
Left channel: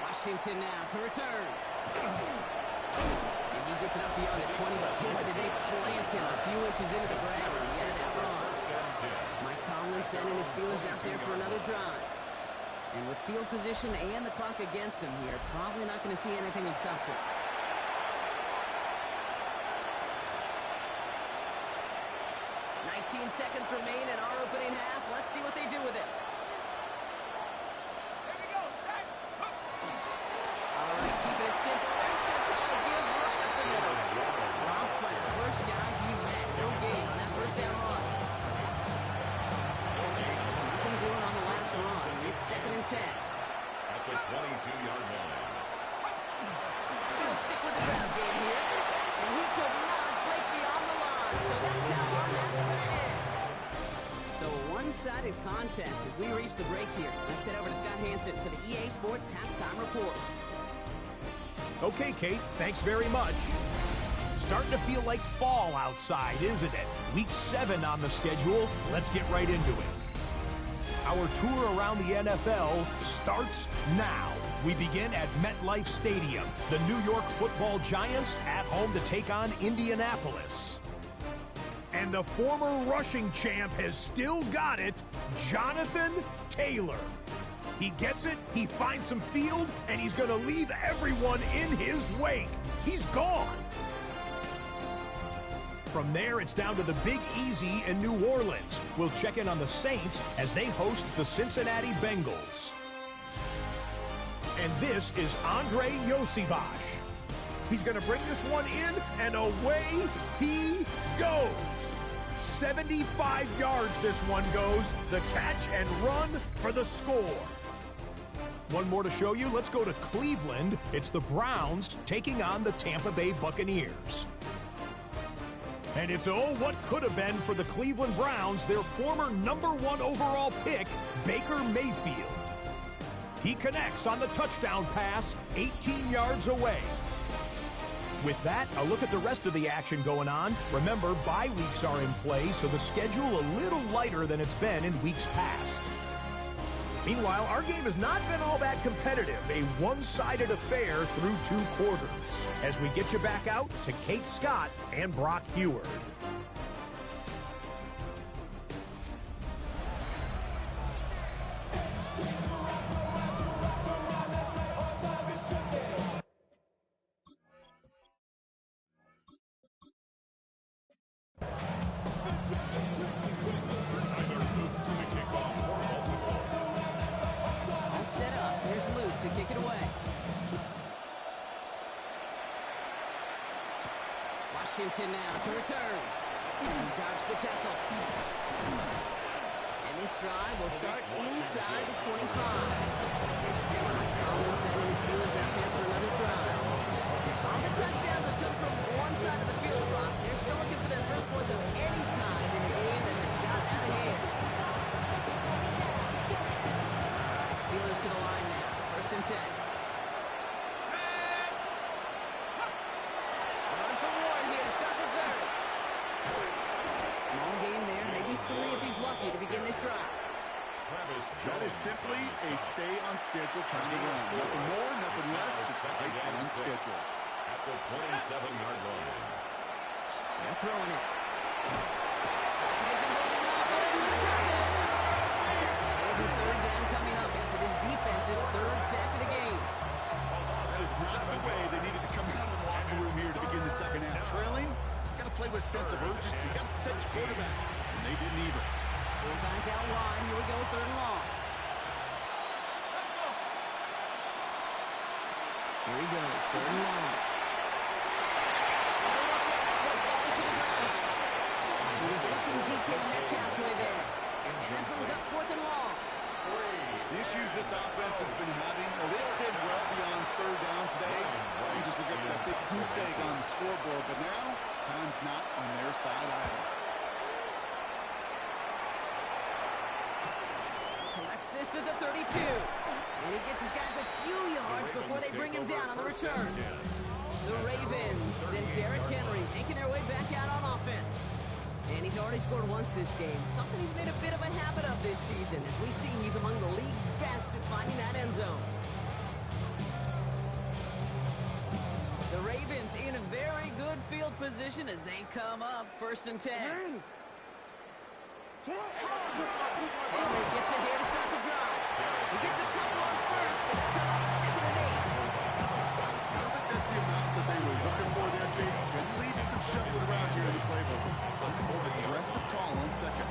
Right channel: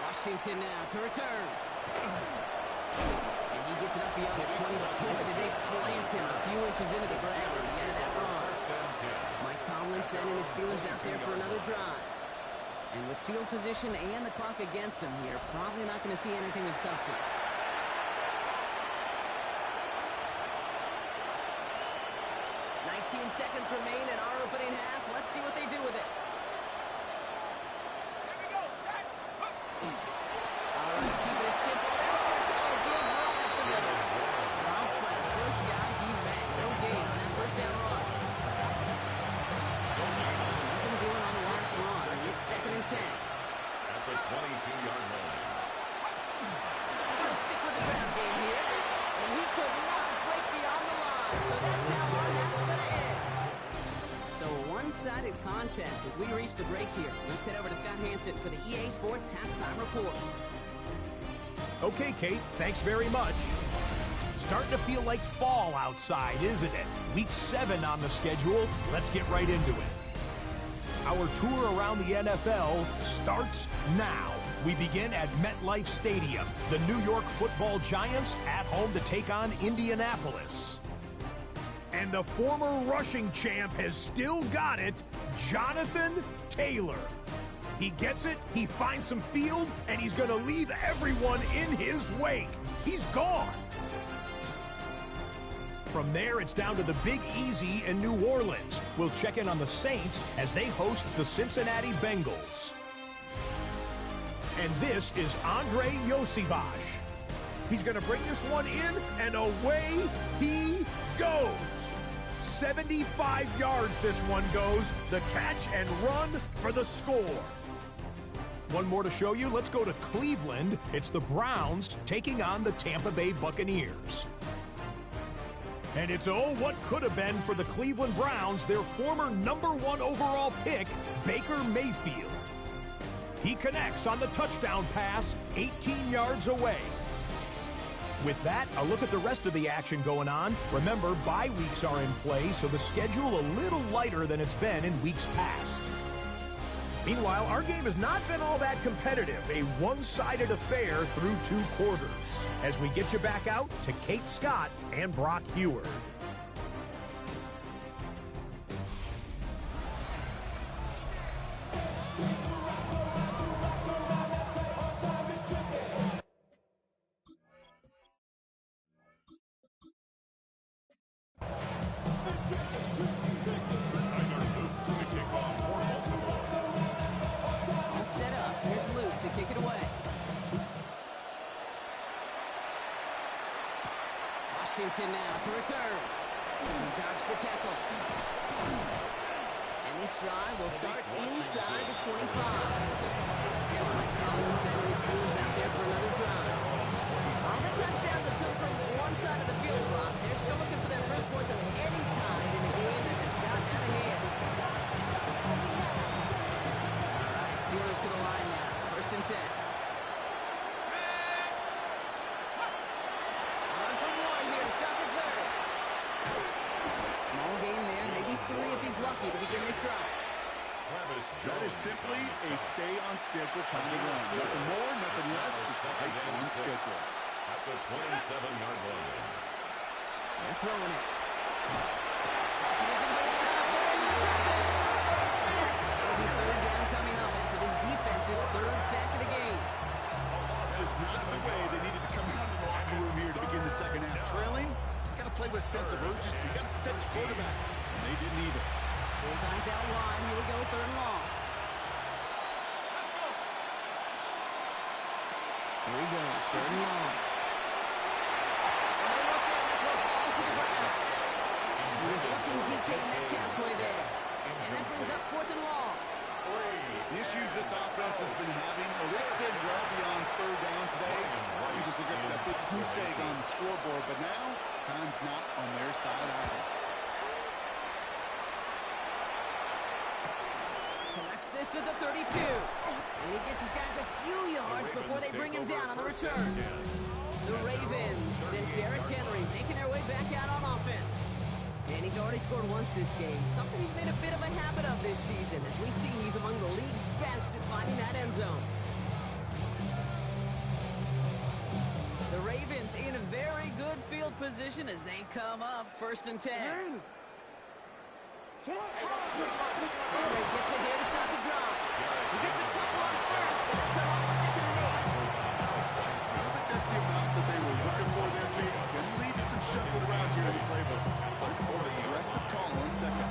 Washington now to return. And he gets it up beyond the 20, but boy, did they plant him a few inches into the ground at the end of that run. First and 10. Mike Tomlin sending his Steelers out there for another drive. And with field position and the clock against him here, probably not going to see anything of substance. 19 seconds remain in our opening half. Let's see what they do with it. Here we go. Sack. All right, keeping it simple. They're just going to call a give right up the middle. Robbed by the first guy he met. No gain on that first down run. Nothing doing on the last run. It's 2nd and 10. At the 22-yard line. He'll stick with the ground game here. And he could not break beyond the line. So that's how our half's going to end. So a one-sided contest as we reach the break here. Let's head over to Scott Hansen for the EA Sports Halftime Report. Okay, Kate, thanks very much. Starting to feel like fall outside, isn't it? Week 7 on the schedule. Let's get right into it. Our tour around the NFL starts now. We begin at MetLife Stadium. The New York Football Giants at home to take on Indianapolis. And the former rushing champ has still got it, Jonathan Taylor. He gets it, he finds some field, and he's going to leave everyone in his wake. He's gone. From there, it's down to the Big Easy in New Orleans. We'll check in on the Saints as they host the Cincinnati Bengals. And this is Andre Yosivash. He's going to bring this one in, and away he goes. 75 yards this one goes. The catch and run for the score. One more to show you. Let's go to Cleveland. It's the Browns taking on the Tampa Bay Buccaneers. And it's what could have been for the Cleveland Browns, their former #1 overall pick, Baker Mayfield. He connects on the touchdown pass 18 yards away. With that, a look at the rest of the action going on. Remember, bye weeks are in play, so the schedule a little lighter than it's been in weeks past. Meanwhile, our game has not been all that competitive, a one-sided affair through 2 quarters. As we get you back out to Kate Scott and Brock Heward. Straight to Washington now to return. He dodged the tackle. And this drive will start inside the 25. Mike Tomlinson and the Steelers out there for another drive. All the touchdowns have come from one side of the field, Brock. They're still looking for their first points of any kind in a game that has gotten out of hand. All right, Steelers to the line now. 1st and 10. Run from Warren here to stop the 3rd. Small gain there, maybe 3 if he's lucky to begin this drive. That is simply a stay-on-schedule kind of run. Nothing more, nothing less, just right on schedule. At the 27-yard line. They're throwing it. It isn't holding up. They're into the traffic. It'll be 3rd down coming up after this defense's 3rd sack of the game. That is not the way they needed to come out of the locker room here to begin the second half. Trailing, you got to play with a sense of urgency. You got to protect your quarterback. And they didn't either. 4 guys out wide. Here we go, 3rd and long. Here he goes, 3rd and long. Oh, look there, that throw falls to the ground. He was looking DK Metcalf's way there. And that brings up 4th and long. The issues this offense has been having, well, they extend well beyond 3rd down today. You just look at that big goose egg on the scoreboard, but now, time's not on their side either. Collects this at the 32. And he gets his guys a few yards before they bring him down on the return. The Ravens and Derrick Henry making their way back out on offense. And he's already scored once this game, something he's made a bit of a habit of this season. As we see, he's among the league's best at finding that end zone. The Ravens in a very good field position as they come up 1st and 10. Henry gets it here to start the drive. He gets a couple on 1st, and they'll come up 2nd and 8. I don't think that's the amount that they were looking for there, Jake. Going to lead to some shuffling around here in the playbook. More aggressive call on 2nd.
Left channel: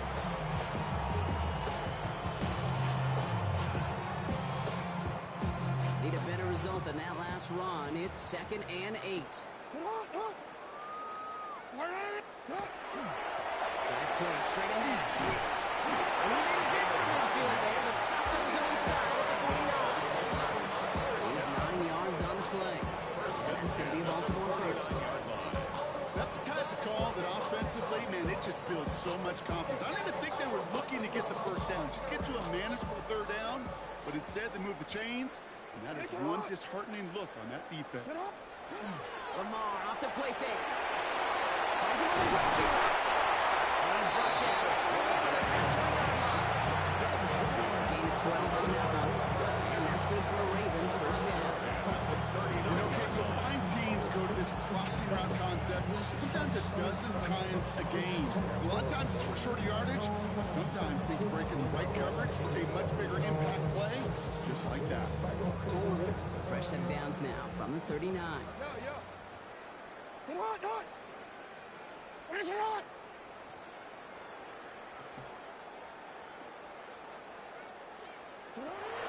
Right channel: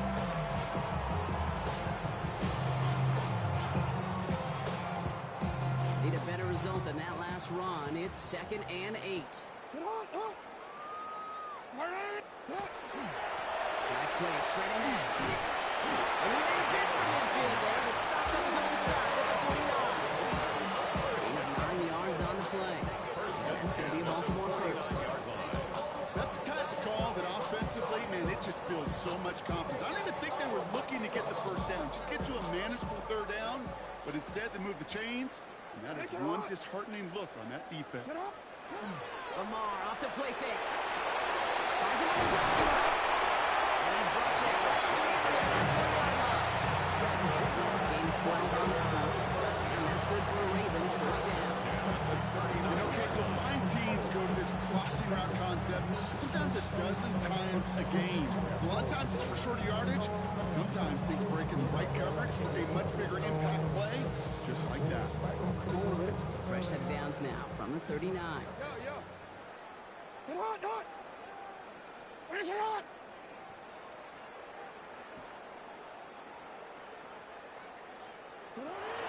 Need a better result than that last run. It's 2nd and 8. Drive play straight ahead. And he made a bid for midfield there, but stopped on his own side at the 49. Gain of 9 yards on the play. And that's going to be Baltimore 1st. That's the type of call that offensively, man, it just builds so much confidence. I don't even think they were looking to get the 1st down. Just get to a manageable 3rd down, but instead they move the chains, and that is one disheartening look on that defense. Lamar off the play fake. Finds him on the crossing route. And he's brought down over the halfway-yard line. It's a gain of 12 on that run. And that's good for a Ravens 1st down. You know, Kate, you'll find teams go to this crossing route concept sometimes a dozen times a game. A lot of times it's for shorter yardage, but sometimes things break in the right coverage for a much bigger impact play, just like that. Fresh set of downs now from the 39.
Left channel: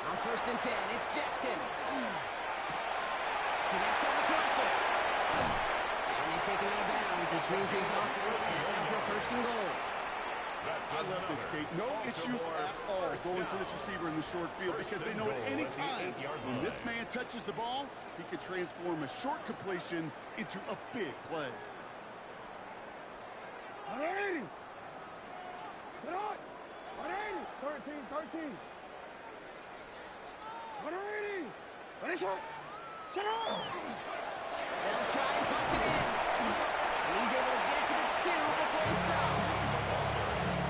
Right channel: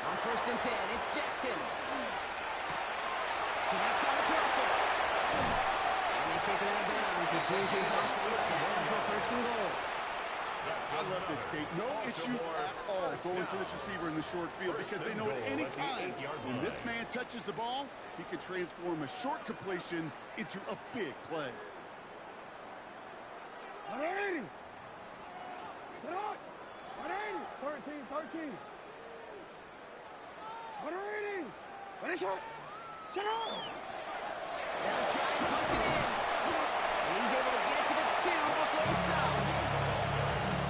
On 1st and 10, it's Jackson. Connects on the crosser. And they take him out of bounds, which means his offense set up for 1st and goal. I love this, Kate. No issues at all going to this receiver in the short field because they know at any time when this man touches the ball, he can transform a short completion into a big play. 180. 13. 180. Finish it. Sit up. They'll try and punch it in. And he's able to get it to the 2 before the stop.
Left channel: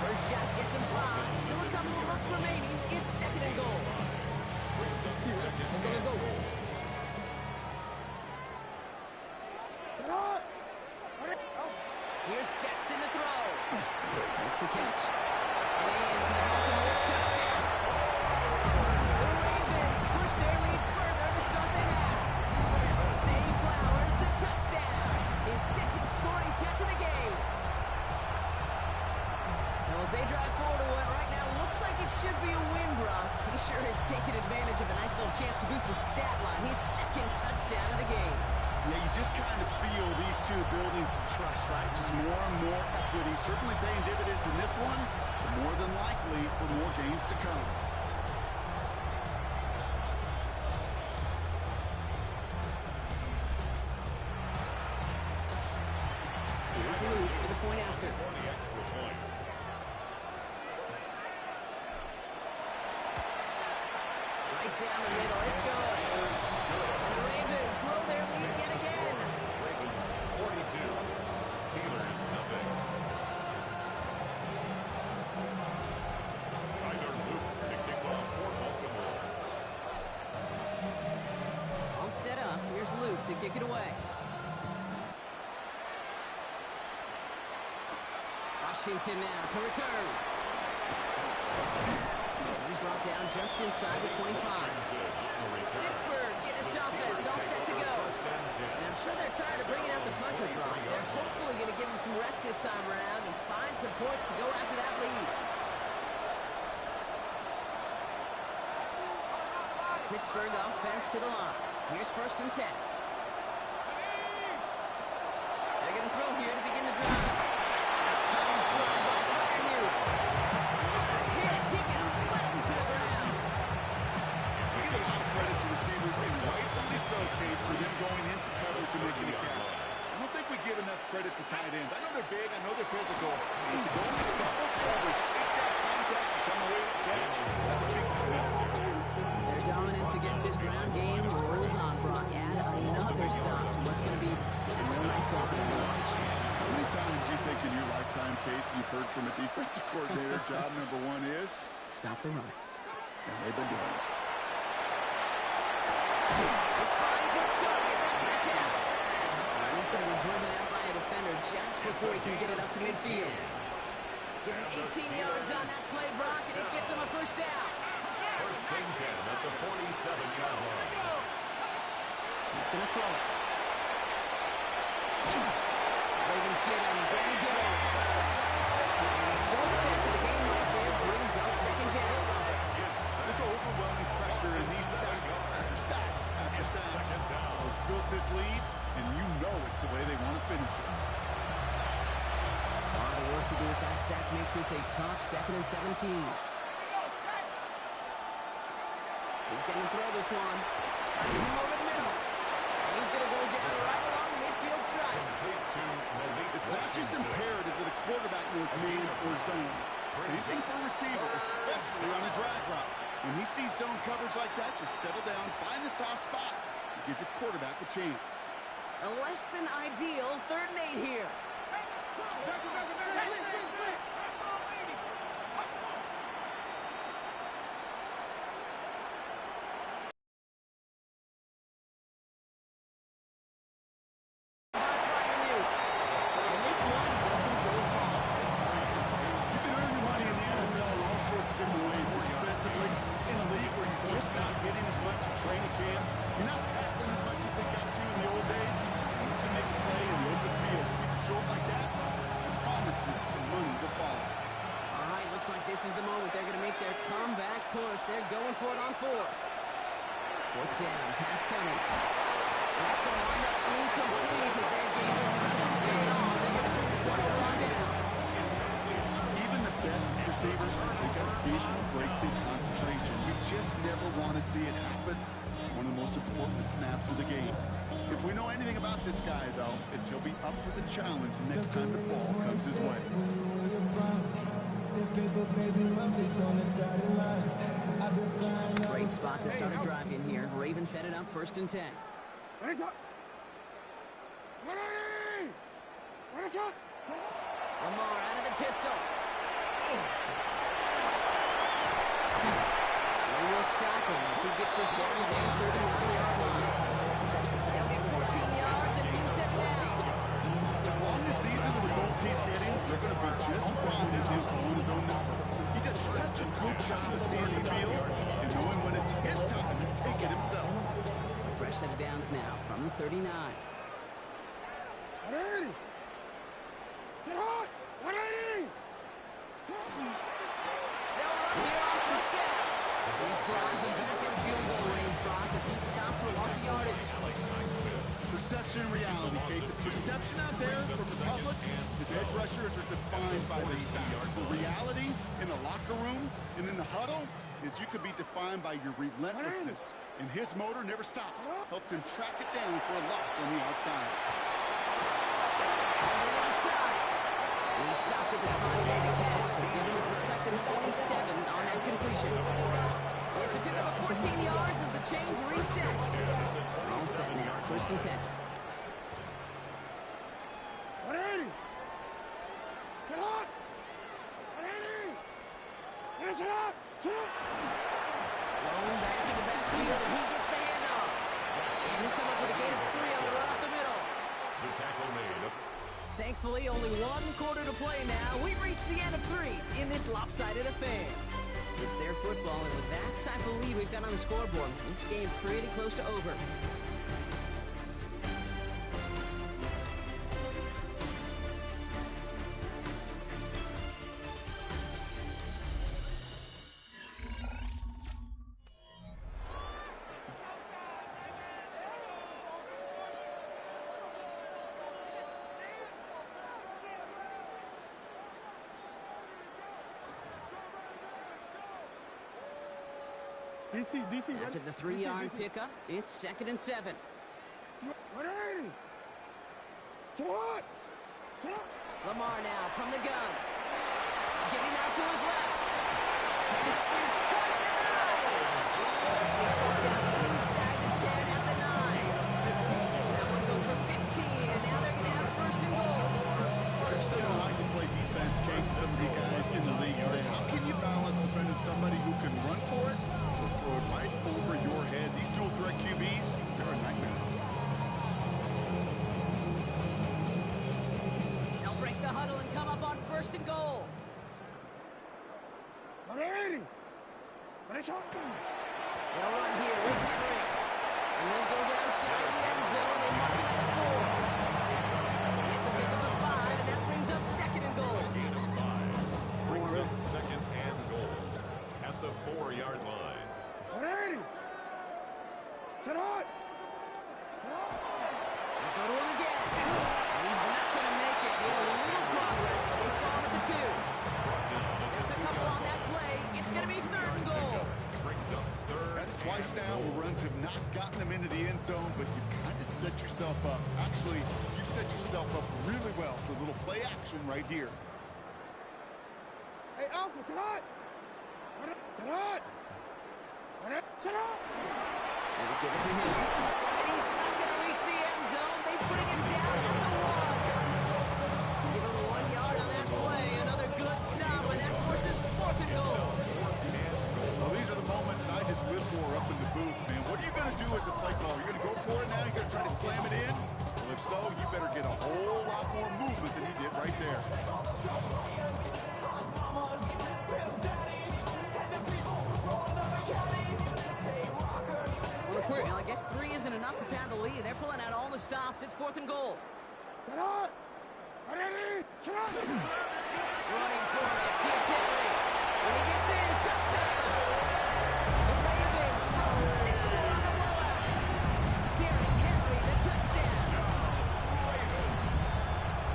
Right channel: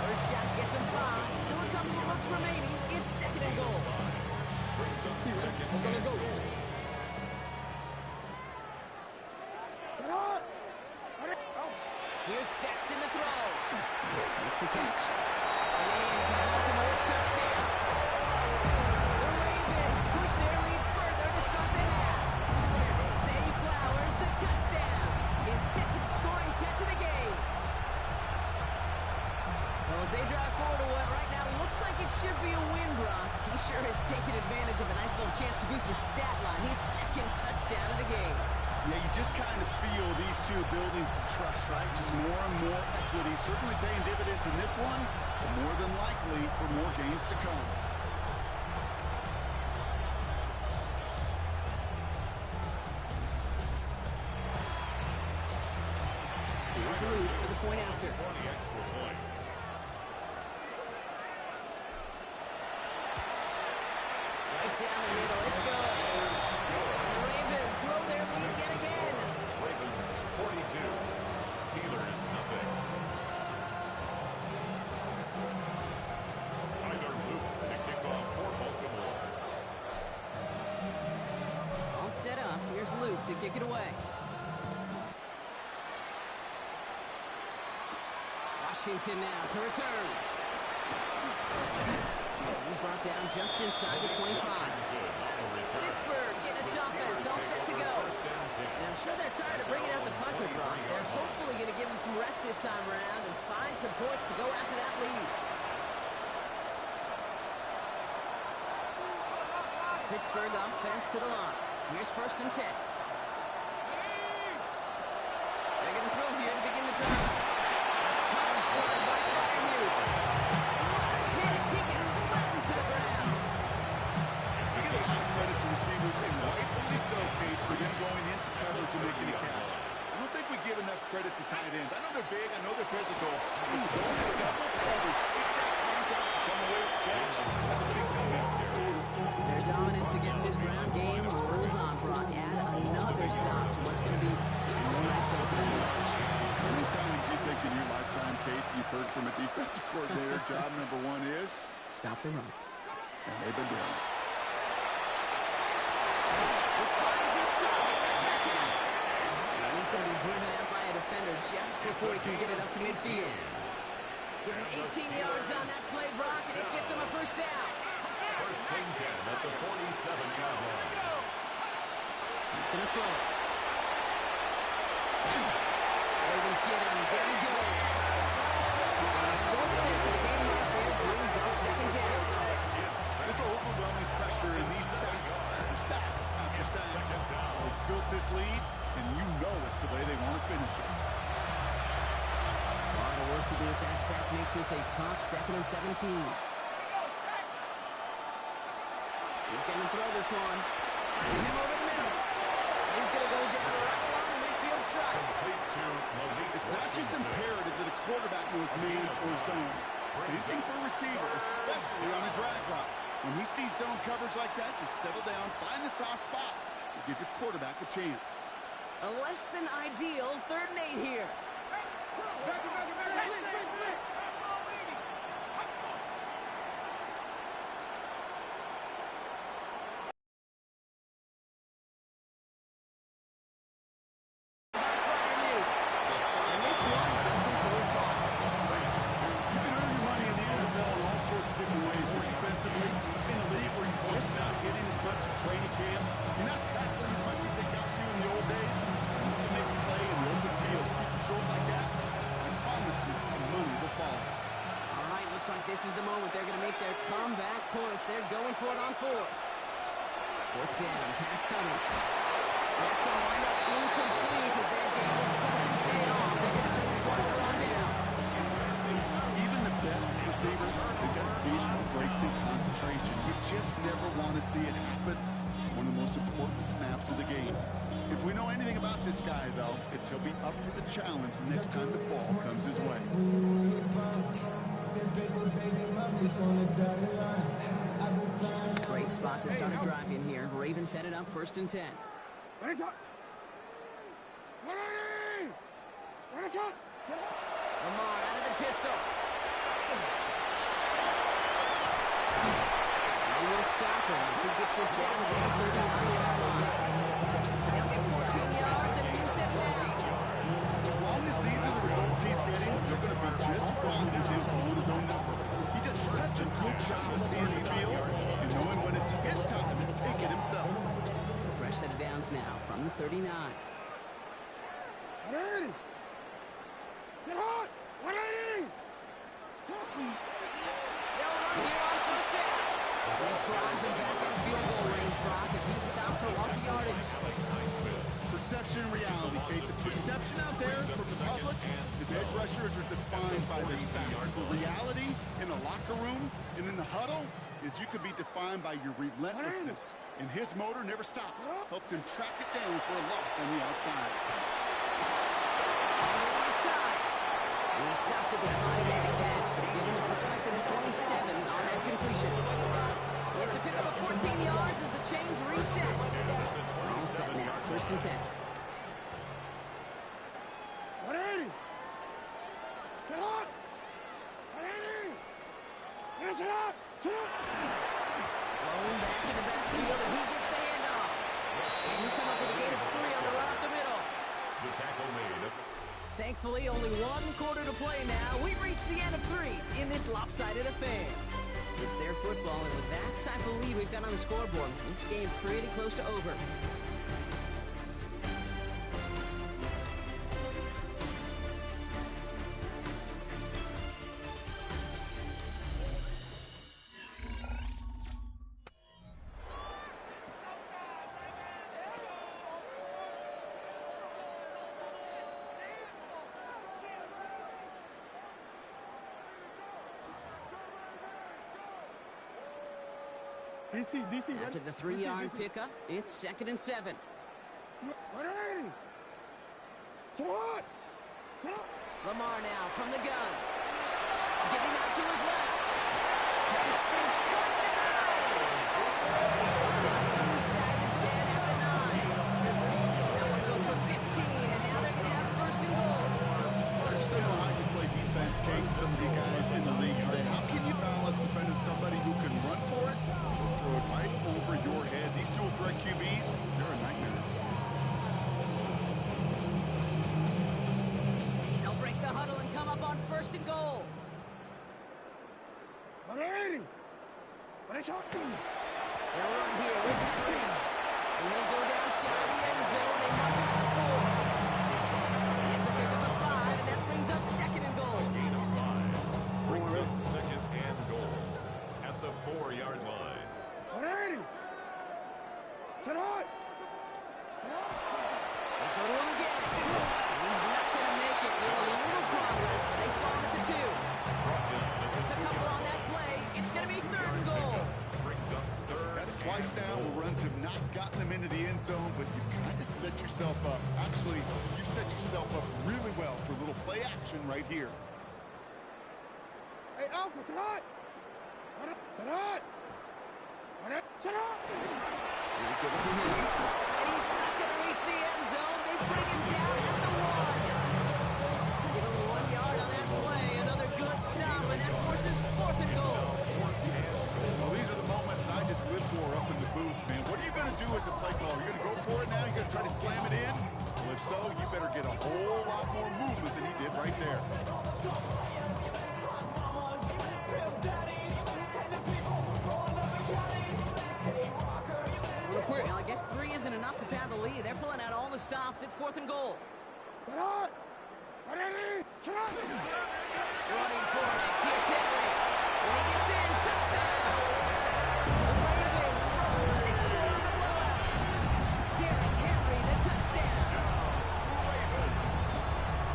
First shot gets him 5. Still a couple of looks remaining. It's 2nd and goal. Brings up 2nd and goal. Here's Jackson to throw. Makes the catch. And in for the Baltimore touchdown. The Ravens push their lead further to start the half. Zay Flowers, the touchdown. His 2nd scoring catch of the game. Well, as they drive forward to what right now looks like it should be a win, Brock, he sure has taken advantage of a nice little chance to boost his stat line. His 2nd touchdown of the game. Yeah, you just kind of feel these two building some trust, right? Just more and more equity. Certainly paying dividends in this one, but more than likely for more games to come. Here's Luke for the point after. For the extra point. Right down the middle. It's good. And the Ravens grow their lead yet again. Ravens 42. Steelers nothing. Tyler Luke to kick off for Baltimore. All set up. Here's Luke to kick it away. Washington now to return. He's brought down just inside the 25. Pittsburgh getting its offense all set to go. And I'm sure they're tired of bringing out the puncher, Brock. They're hopefully going to give him some rest this time around and find some points to go after that lead. Pittsburgh offense to the line. Here's 1st and 10. They're going to throw here to begin the drive. That's caught and slide by Freiermuth. What a hit! He gets flattened to the ground. We give a lot of credit to receivers, and rightfully so, Kate, for them going into coverage and making a catch. I don't think we give enough credit to tight ends. I know they're big, I know they're physical, but to go into double coverage, take that contact, and come away with the catch, that's a big-time effort. Their dominance against his ground game rolls on, Brock. Add another stop to what's going to be some real nice ball for them to watch. How many times you think in your lifetime, Kate, you've heard from a defensive coordinator, job number 1 is? Stop the run. And they've been doing it. This finds its target. That's Metcalf. And he's going to be driven out by a defender just before he can get it up to midfield. Give him 18 yards on that play, Brock, and it gets him a 1st down. 1st and 10 at the 47-yard line. He's going to throw it. Ravens get him. Down he goes. 4th sack of the game right there brings up 2nd down. This overwhelming pressure in these sacks after sacks after sacks. Well, it's built this lead, and you know it's the way they want to finish it. A lot of work to do as that sack makes this a tough 2nd and 17. He's going to throw this one. Finds him over the middle. And he's going to go down right along the midfield stripe. It's not just imperative that a quarterback knows man or zone. Same thing for a receiver, especially on a drag route. When he sees zone coverage like that, just settle down, find the soft spot, and give your quarterback a chance. A less than ideal 3rd and 8 here. By Freiermuth. And this one doesn't go far. You can earn your money in the NFL in all sorts of different ways. Or defensively, in a league where you're just not hitting as much at training camp, you're not tackling as much as they got to in the old days. You can make a play in the open field. Keep it short like that, I promise you some money will follow. All right, looks like this is the moment they're going to make their comeback push. They're going for it on 4th. 4th down, pass coming. And that's going to wind up incomplete as their game doesn't pay off. They're going to turn this one over on downs. Even the best receivers, they've got occasional breaks in concentration. You just never want to see it happen. One of the most important snaps of the game. If we know anything about this guy, though, it's he'll be up for the challenge the next time the ball comes his way. Great spot to start a drive in here. Ravens headed up 1st and 10. Lamar out of the pistol. They will stop him as he gets this down to their 39-yard line. They'll get 14 yards and a new 7 downs. As long as these are the results he's getting, they're going to be just fine with him throwing his own number. He does such a good job of seeing the field and knowing when it's his time to take it himself. So fresh set of downs now from the 39. 180! Sit hot! 180! They'll run here on 1st down. And he's drives him back in field goal range, Brock, as he's stopped for loss of yardage. Perception and reality, Kate. The perception out there from the public is edge rushers are defined by their sacks. The reality in the locker room and in the huddle is you could be defined by your relentlessness. And his motor never stopped. Helped him track it down for a loss on the outside. On the outside. And he stopped at the spot he made the catch. To give him, looks like the 27 on that completion. It's a pickup of 14 yards as the chains reset. We're all set now. 1st and 10. 180. Sit up. 180. Finish it up. Sit up. Blown back in the backfield, and he gets the handoff. And he'll come up with a gain of 3 on the run up the middle. The tackle made. Thankfully, only 1 quarter to play now. We've reached the end of 3 in this lopsided affair. It's their football, and with that type of lead we've got on the scoreboard, this game pretty close to over. DC, After the 3-yard pickup, it's 2nd and 7. 180. To what? Lamar now from the gun. Getting out to his left. Pass is caught at the 9. He's brought down inside the 10 at the 9. That one goes for 15, and now they're going to have 1st and goal. I just don't know how you play defense, Case, and some of the guys in the league today. How can you balance defending somebody who can run for it or throw it right over your head? These dual threat QBs, they're a nightmare. They'll break the huddle and come up on 1st and goal. 180. Finish up. They'll run here with Henry. And he'll go down shy of the end zone. They mark him at the 4. It's a pickup of 5, and that brings up 2nd and goal. Gain of 5. Brings up 2nd and goal at the 4-yard line. 180. Sit up. They go to him again. He's not going to make it. Made a little progress, but they stall him at the 2. Brought down at Just a the couple 2-yard on that line. play. It's going to be 3rd and goal. Brings up 3rd. That's twice now where runs have not gotten them into the end zone, but you've kind of set yourself up. Actually, you've set yourself up really well for a little play action right here. Hey, Alpha, sit up. Sit up. Sit up. They'll give it to him. And he's not going to reach the end zone. They bring him down at the 1. Give him 1 yard on that play. Another good stop, and that forces 4th and goal. Well, these are the moments that I just live for up in the booth, man. What are you going to do as a play caller? You're going to go for it now? You're going to try to slam it in? Well, if so, you better get a whole lot more movement than he did right there. Well, I guess 3 isn't enough to pad the lead. They're pulling out all the stops. It's 4th and goal. Sit up. 180. Sit up. Running for it. Here's Henry. When he gets in, touchdown. The Ravens throwing 6 more on the blowout. Derrick Henry, the touchdown.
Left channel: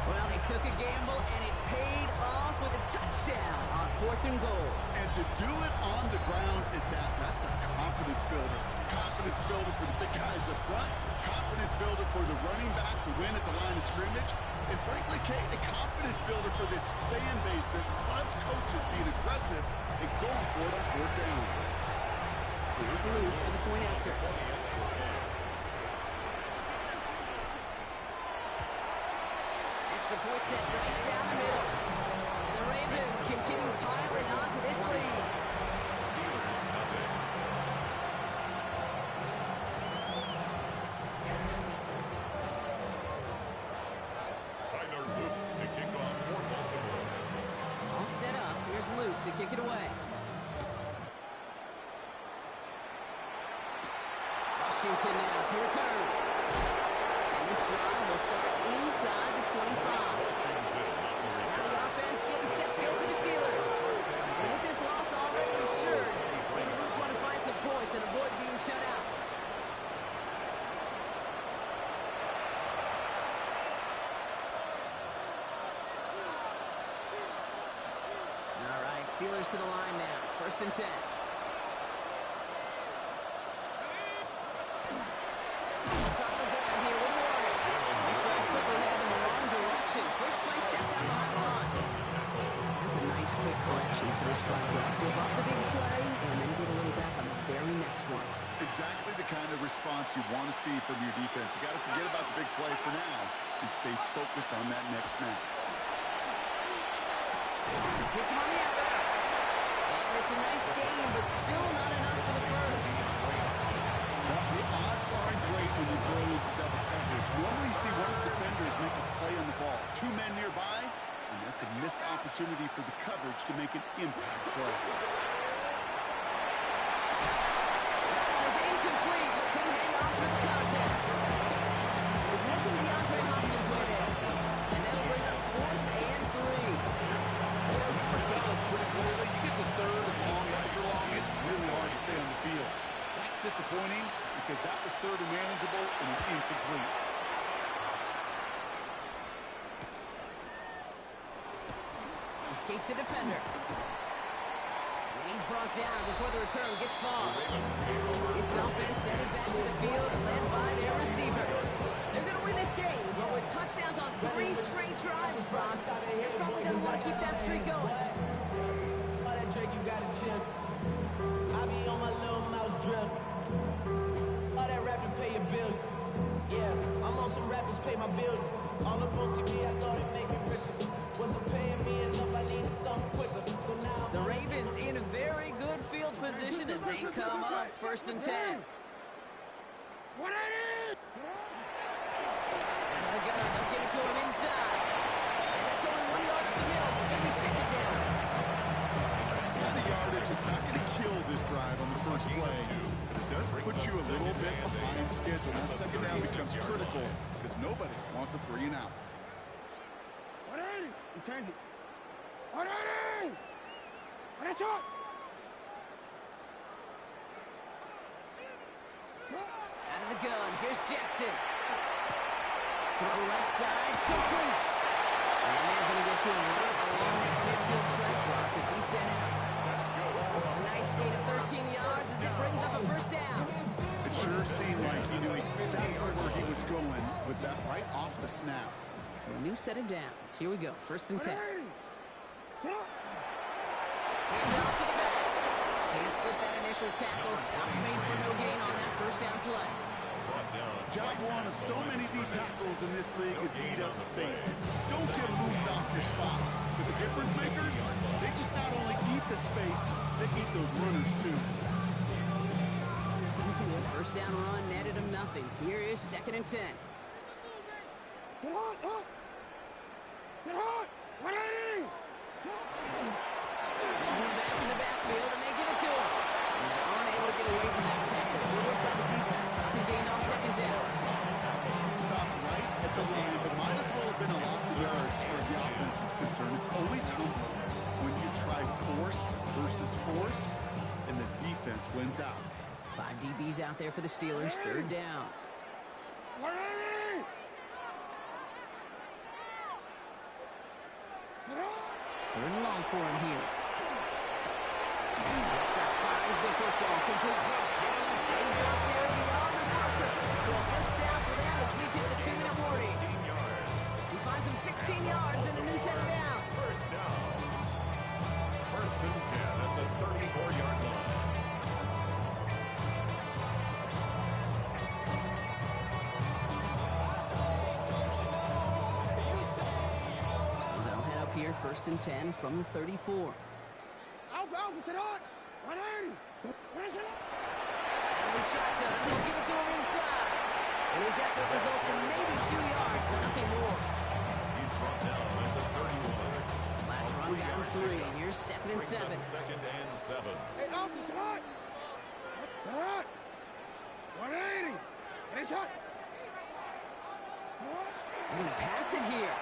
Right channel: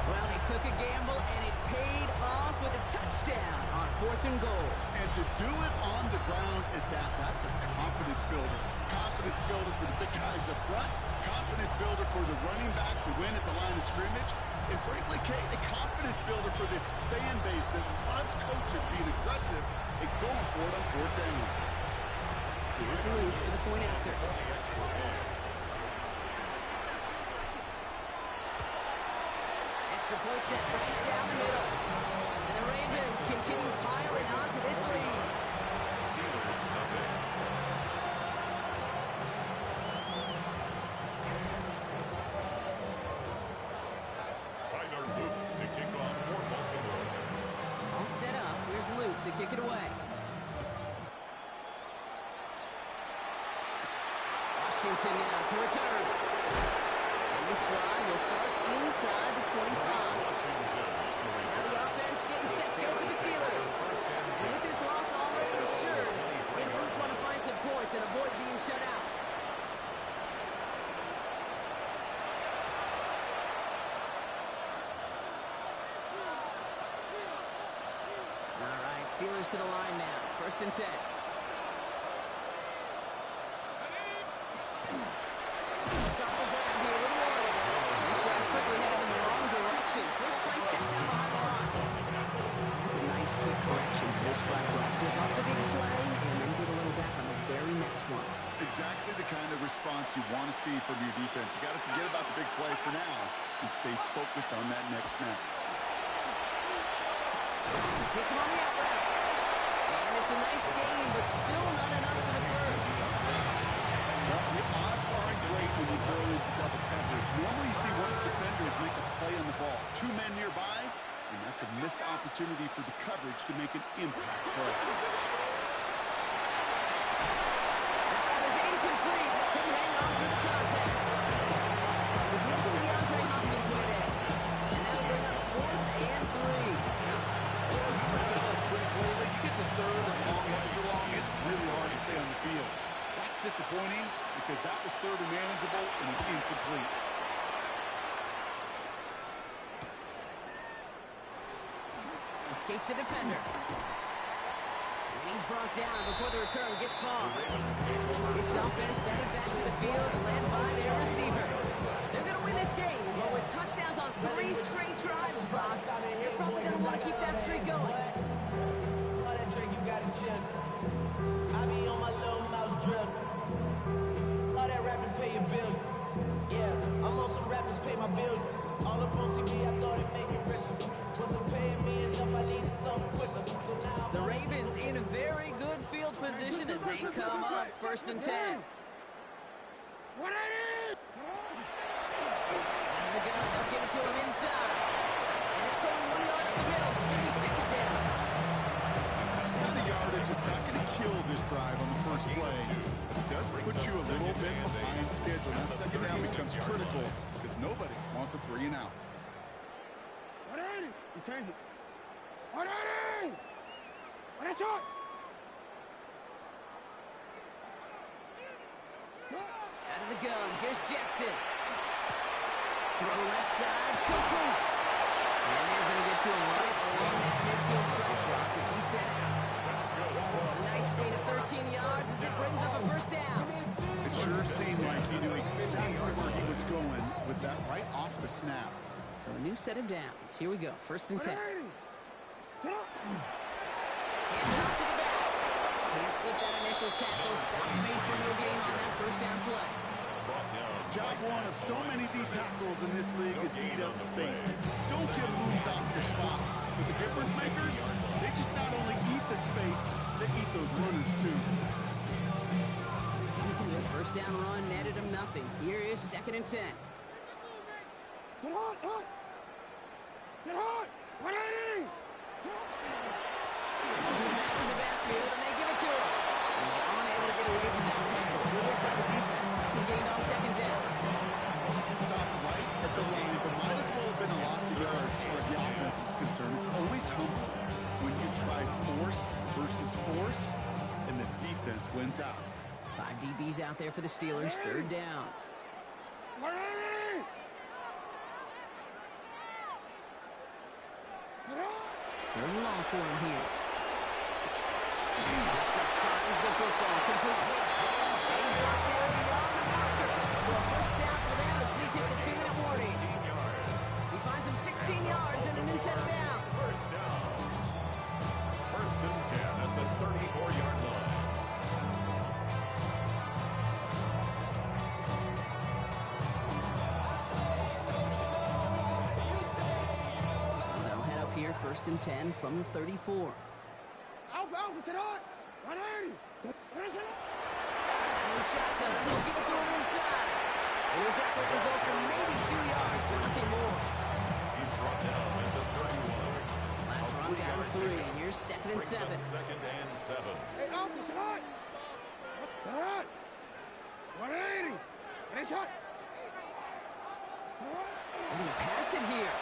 Well, they took a gamble, and it paid off with a touchdown on 4th and goal. And to do it on the ground at that, that's a confidence builder. Confidence builder for the big guys up front. Confidence builder for the running back to win at the line of scrimmage. And frankly, Kate, a confidence builder for this fan base that loves coaches being aggressive and going for it on 4th down. Here's Luke for the point after. Extra point set right down the middle. And the Ravens continue piling onto this lead. Steelers nothing. Tyler Luke to kick off for Baltimore. All set up. Here's Luke to kick it away. Washington now to return. And this drive will start inside the 25. Washington on the Now return. the offense getting set to go for the Steelers. And with this loss already assured, they at least want to find some right, Steelers to the line now. 1st and 10. Stop the grab here with Warren. This drive's quickly headed in the wrong direction. First play set down behind the line. That's a nice quick correction for this front row. Give up the big play and then get a little back on the very next one. Exactly the kind of response you want to see from your defense. You got to forget about the big play for now and stay focused on that next snap. Hits him on the out route. And it's a nice gain, but still not enough for the first. Well, the odds aren't great when you throw into double coverage. Normally you see one of the defenders make a play on the ball. 2 men nearby, and that's a missed opportunity for the coverage to make an impact play. That one is incomplete. Couldn't hang on through the contact. It was looking DeAndre Hopkins' way there. And that'll bring up 4th and 3. The numbers tell us pretty clearly, you get to 3rd and long, extra long, it's really hard to stay on the field. That's disappointing because that was 3rd and manageable and incomplete. Escapes the defender. And he's brought down before the return gets far. This offense headed back to the field, led by their receiver. They're going to win this game, but with touchdowns on 3 straight drives, Brock, they're probably going to want to keep that streak going. All that Drake you got in check. I be on my little mouse drip. All that rap to pay your bills. Yeah, I'm on some rappers pay my bills. All up on TV, I thought it made me richer. Wasn't paying me enough, I needed something quicker. So now the Ravens in a very good field position as they come up. 1st and 10. What it is? Out of the gun, they'll give it to him inside. And that's only 1 yard up the middle. Gonna be 2nd down. This kind of yardage, it's not going to kill this drive on the first play. But it does put you a little bit behind schedule. Now 2nd down becomes critical because nobody wants a 3 and out. What is it? You turned it. What is it? What is it? Out of the gun, here's Jackson. Throw left side, complete. And they're going to get to him right along that midfield strike block as he's sent out. A nice gain of 13 yards as it brings up a 1st down. It sure seemed like he knew exactly where he was going with that right off the snap. So a new set of downs. Here we go, 1st and 10. Hand off to the back. Can't slip that initial tackle. Stops made for no gain on that 1st down play. Job one of so many D tackles in this league is eat up space. Don't get moved off your spot. But the difference makers, they just not only eat the space, they eat those runners too. 1st down run netted him nothing. Here is 2nd and 10. Sit hot, hot. Sit hot. 180. Back in the backfield, and they give it to him. He's unable to get away from that tackle. Good work by the defense. Nothing gained on 2nd down. Stopped right at the line, but might as well have been a loss of yards as far as the offense is concerned. It's always humbling when you try force versus force, and the defense wins out. 5 DBs out there for the Steelers. 3rd down. 180. 3rd and long for him here. Lester finds the football, complete. He's brought down beyond the marker. So a 1st down for them as we hit the 2-minute warning. He finds him 16 yards and a new set of downs. 1st down. 1st and 10 at the 34-yard line. So they'll head up here, 1st and 10 from the 34. Alpha, sit hot. 180. Out of the shotgun, they'll give it to him inside. And his effort results in maybe 2 yards, but nothing more. He's brought down at the 31. Last run got him 3. Here's 2nd and 7. 2nd and 7. Hey, Alpha, sit hot. Sit hot. 180. It's hot. They're going to pass it here.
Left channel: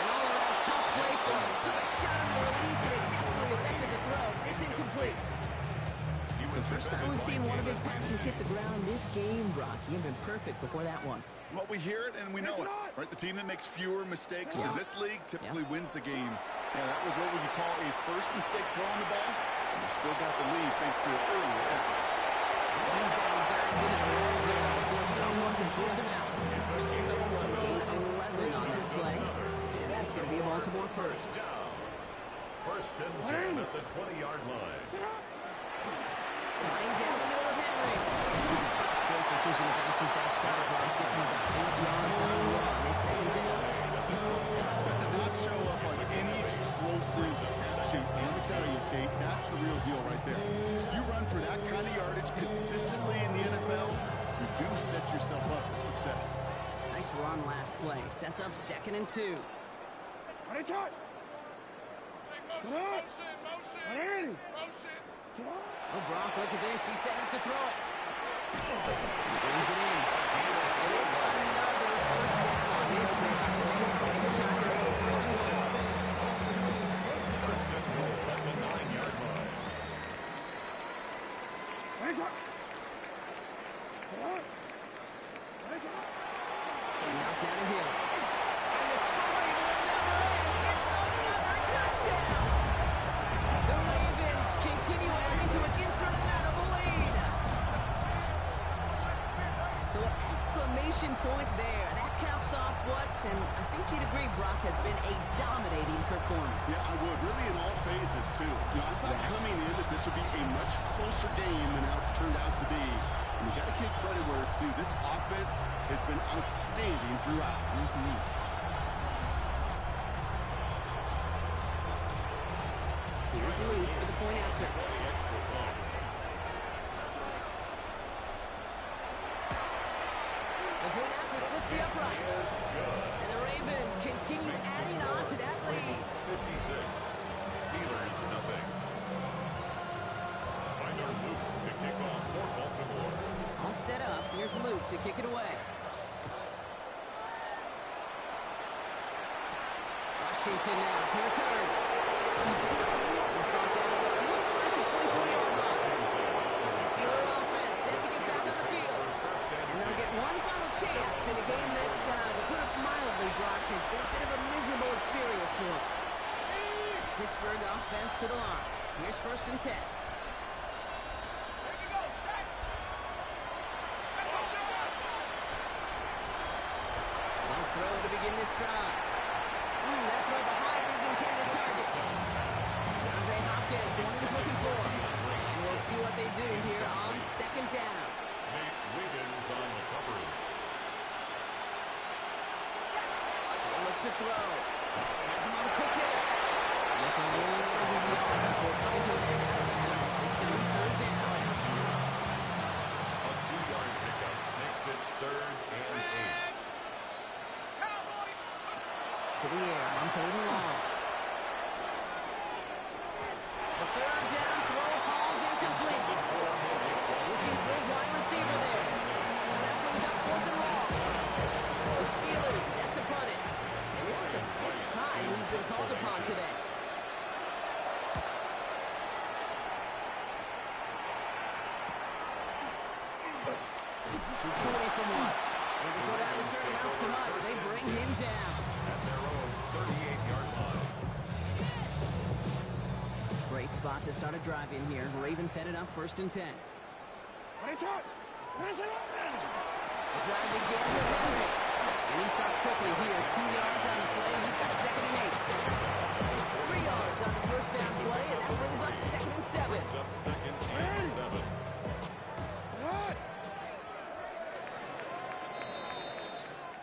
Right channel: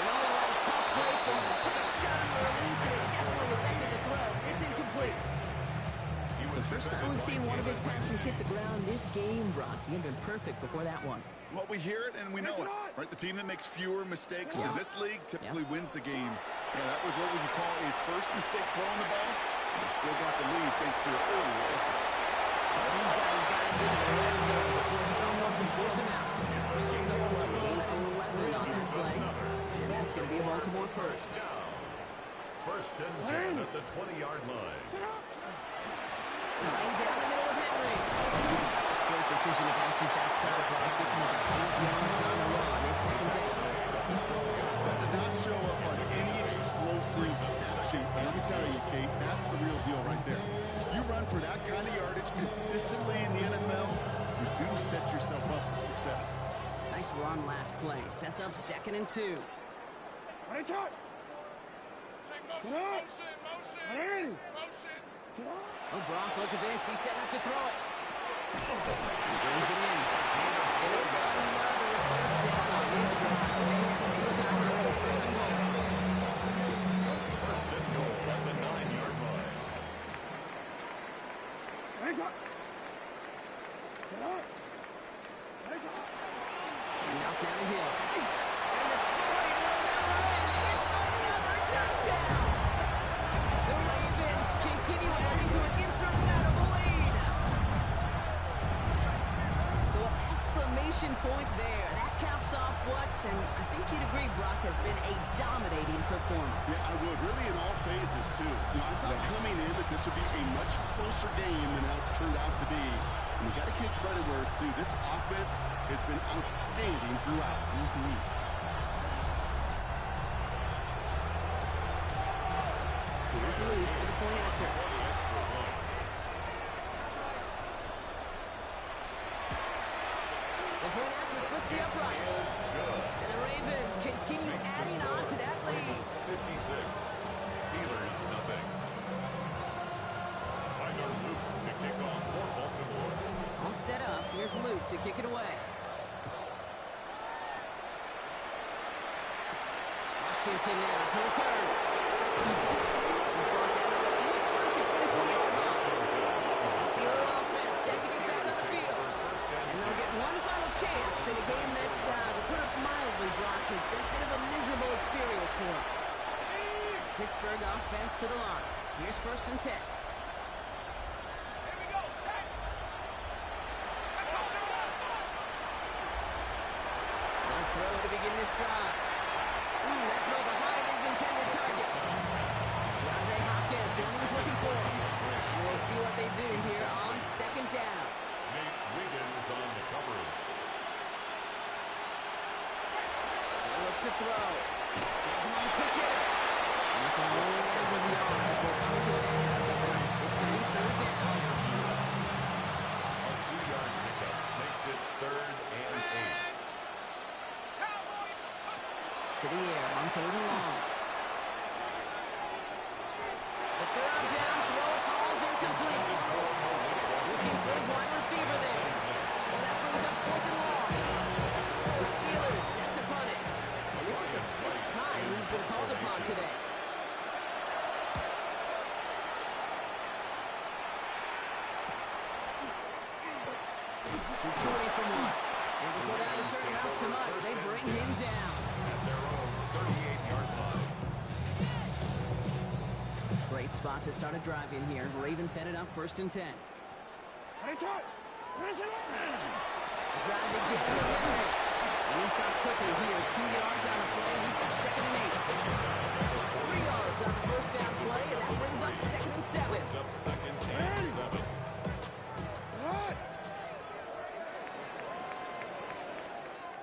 An all-around tough play for him. Took a shot on the release, and it definitely affected the throw. It's incomplete. So first time we've seen one of his passes hit the ground this game, Brock. He had been perfect before that one. Well, we hear it and we know it. Right? The team that makes fewer mistakes in this league typically wins the game. Yeah, that was what would you call a first mistake throwing the ball. And they still got the lead thanks to their earlier efforts. These guys got into the red zone before someone can force him out. He's up 11 on that play. And that's going to be a Baltimore first. First and 10 at the 20-yard line. Tying down the middle of Henry. Great decision to bounce this outside block. Gets him about 8 yards on the run. It's second down. That does not show up on any explosive stat sheet. But let me tell you, Kate, that's the real deal right there. You run for that kind of yardage consistently in the NFL, you do set yourself up for success. Nice run last play. Sets up 2nd and 2. Oh, Brock, look at this. He's setting up to throw it. He brings it in. And it's another first down on this drive. This time they're in first and goal. First and goal at the 9-yard line. And off down the hill. And the scoring will never end. It's another touchdown. The Ravens continue adding to an insurmountable lead. So an exclamation point there. That caps off what, and I think you'd agree, Brock, has been a dominating performance. Yeah, I would. Really in all phases, too. You know, I thought coming in that this would be a much closer game than how it's turned out to be. And you got to give credit where it's due. This offense has been outstanding throughout. Here's Luke for the point after. The point after splits the upright. And the Ravens continue adding on to that lead. 56. Steelers, nothing. Tyler Luke to kick off for Baltimore. All set up. Here's Luke to kick it away. Washington now to return. He's brought down to what looks like the 24-yard line. Steeler offense set to get back on the field. And they'll get one final chance in a game that, to put it mildly, Brock, has been a bit of a miserable experience for him. Pittsburgh offense to the line. Here's 1st and 10. They'll throw to begin this drive. That throw behind his intended target. DeAndre Hopkins, the one he was looking for. And we'll see what they do here on 2nd down. Nate Wiggins on the coverage. They'll look to throw. Has him on the quick hitter. And this one only manages the arm before coming to an end out of bounds. It's going to be 3rd down. A 2-yard pickup makes it 3rd and 8. To the air on 3rd and long. The 3rd down throw falls incomplete. Looking for his wide receiver there. So that brings up 4th and long. The Steelers set to punt it. And this is the 5th time he's been called upon today. Shoots away from one. And before that return amounts to much, they bring him down. At their own 38-yard line. Great spot to start a drive in here. Ravens set it up 1st and 10. The drive begins with Henry. And he stopped quickly here. 2 yards on the play. We've got 2nd and 8. 3 yards on the first down play, and that brings up 2nd and 7. Brings up 2nd and 7.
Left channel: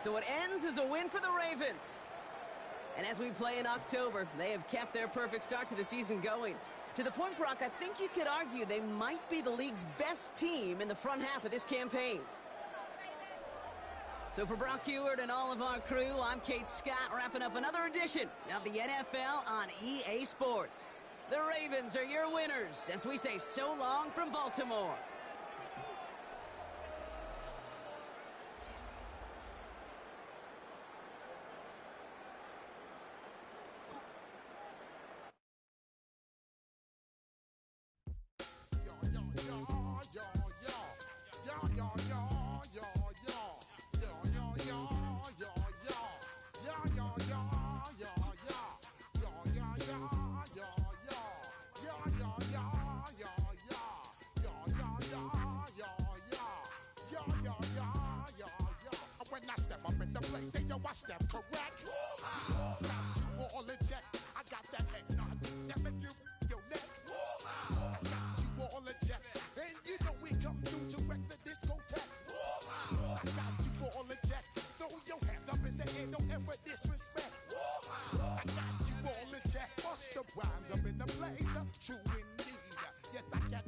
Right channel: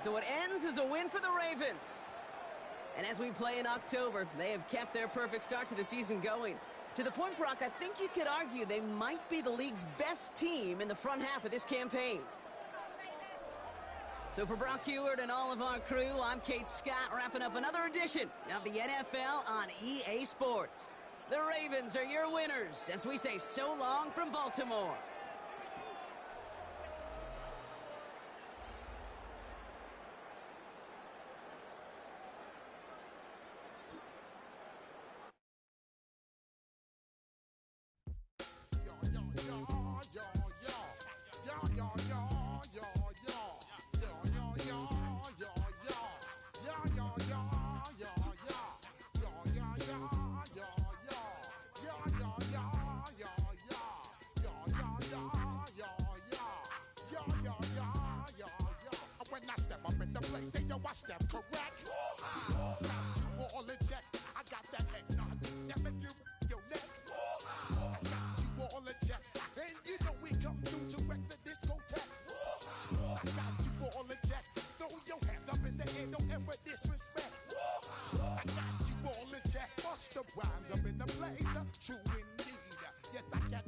So it ends as a win for the Ravens. And as we play in October, they have kept their perfect start to the season going. To the point, Brock, I think you could argue they might be the league's best team in the front half of this campaign. So for Brock Heward and all of our crew, I'm Kate Scott, wrapping up another edition of the NFL on EA Sports. The Ravens are your winners as we say so long from Baltimore.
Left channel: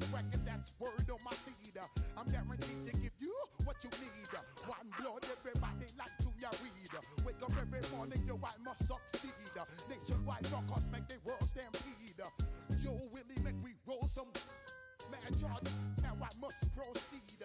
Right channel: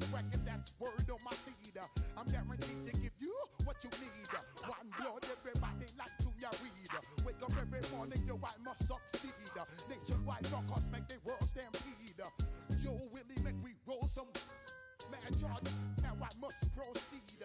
record, that's word on my seed. I'm guaranteed to give you what you need. One blood, everybody like Junior Reed. Wake up every morning, yo, I must succeed. Nationwide rockers make the world stampede. Yo, Willie, make we roll some mad charge. Now I must proceed.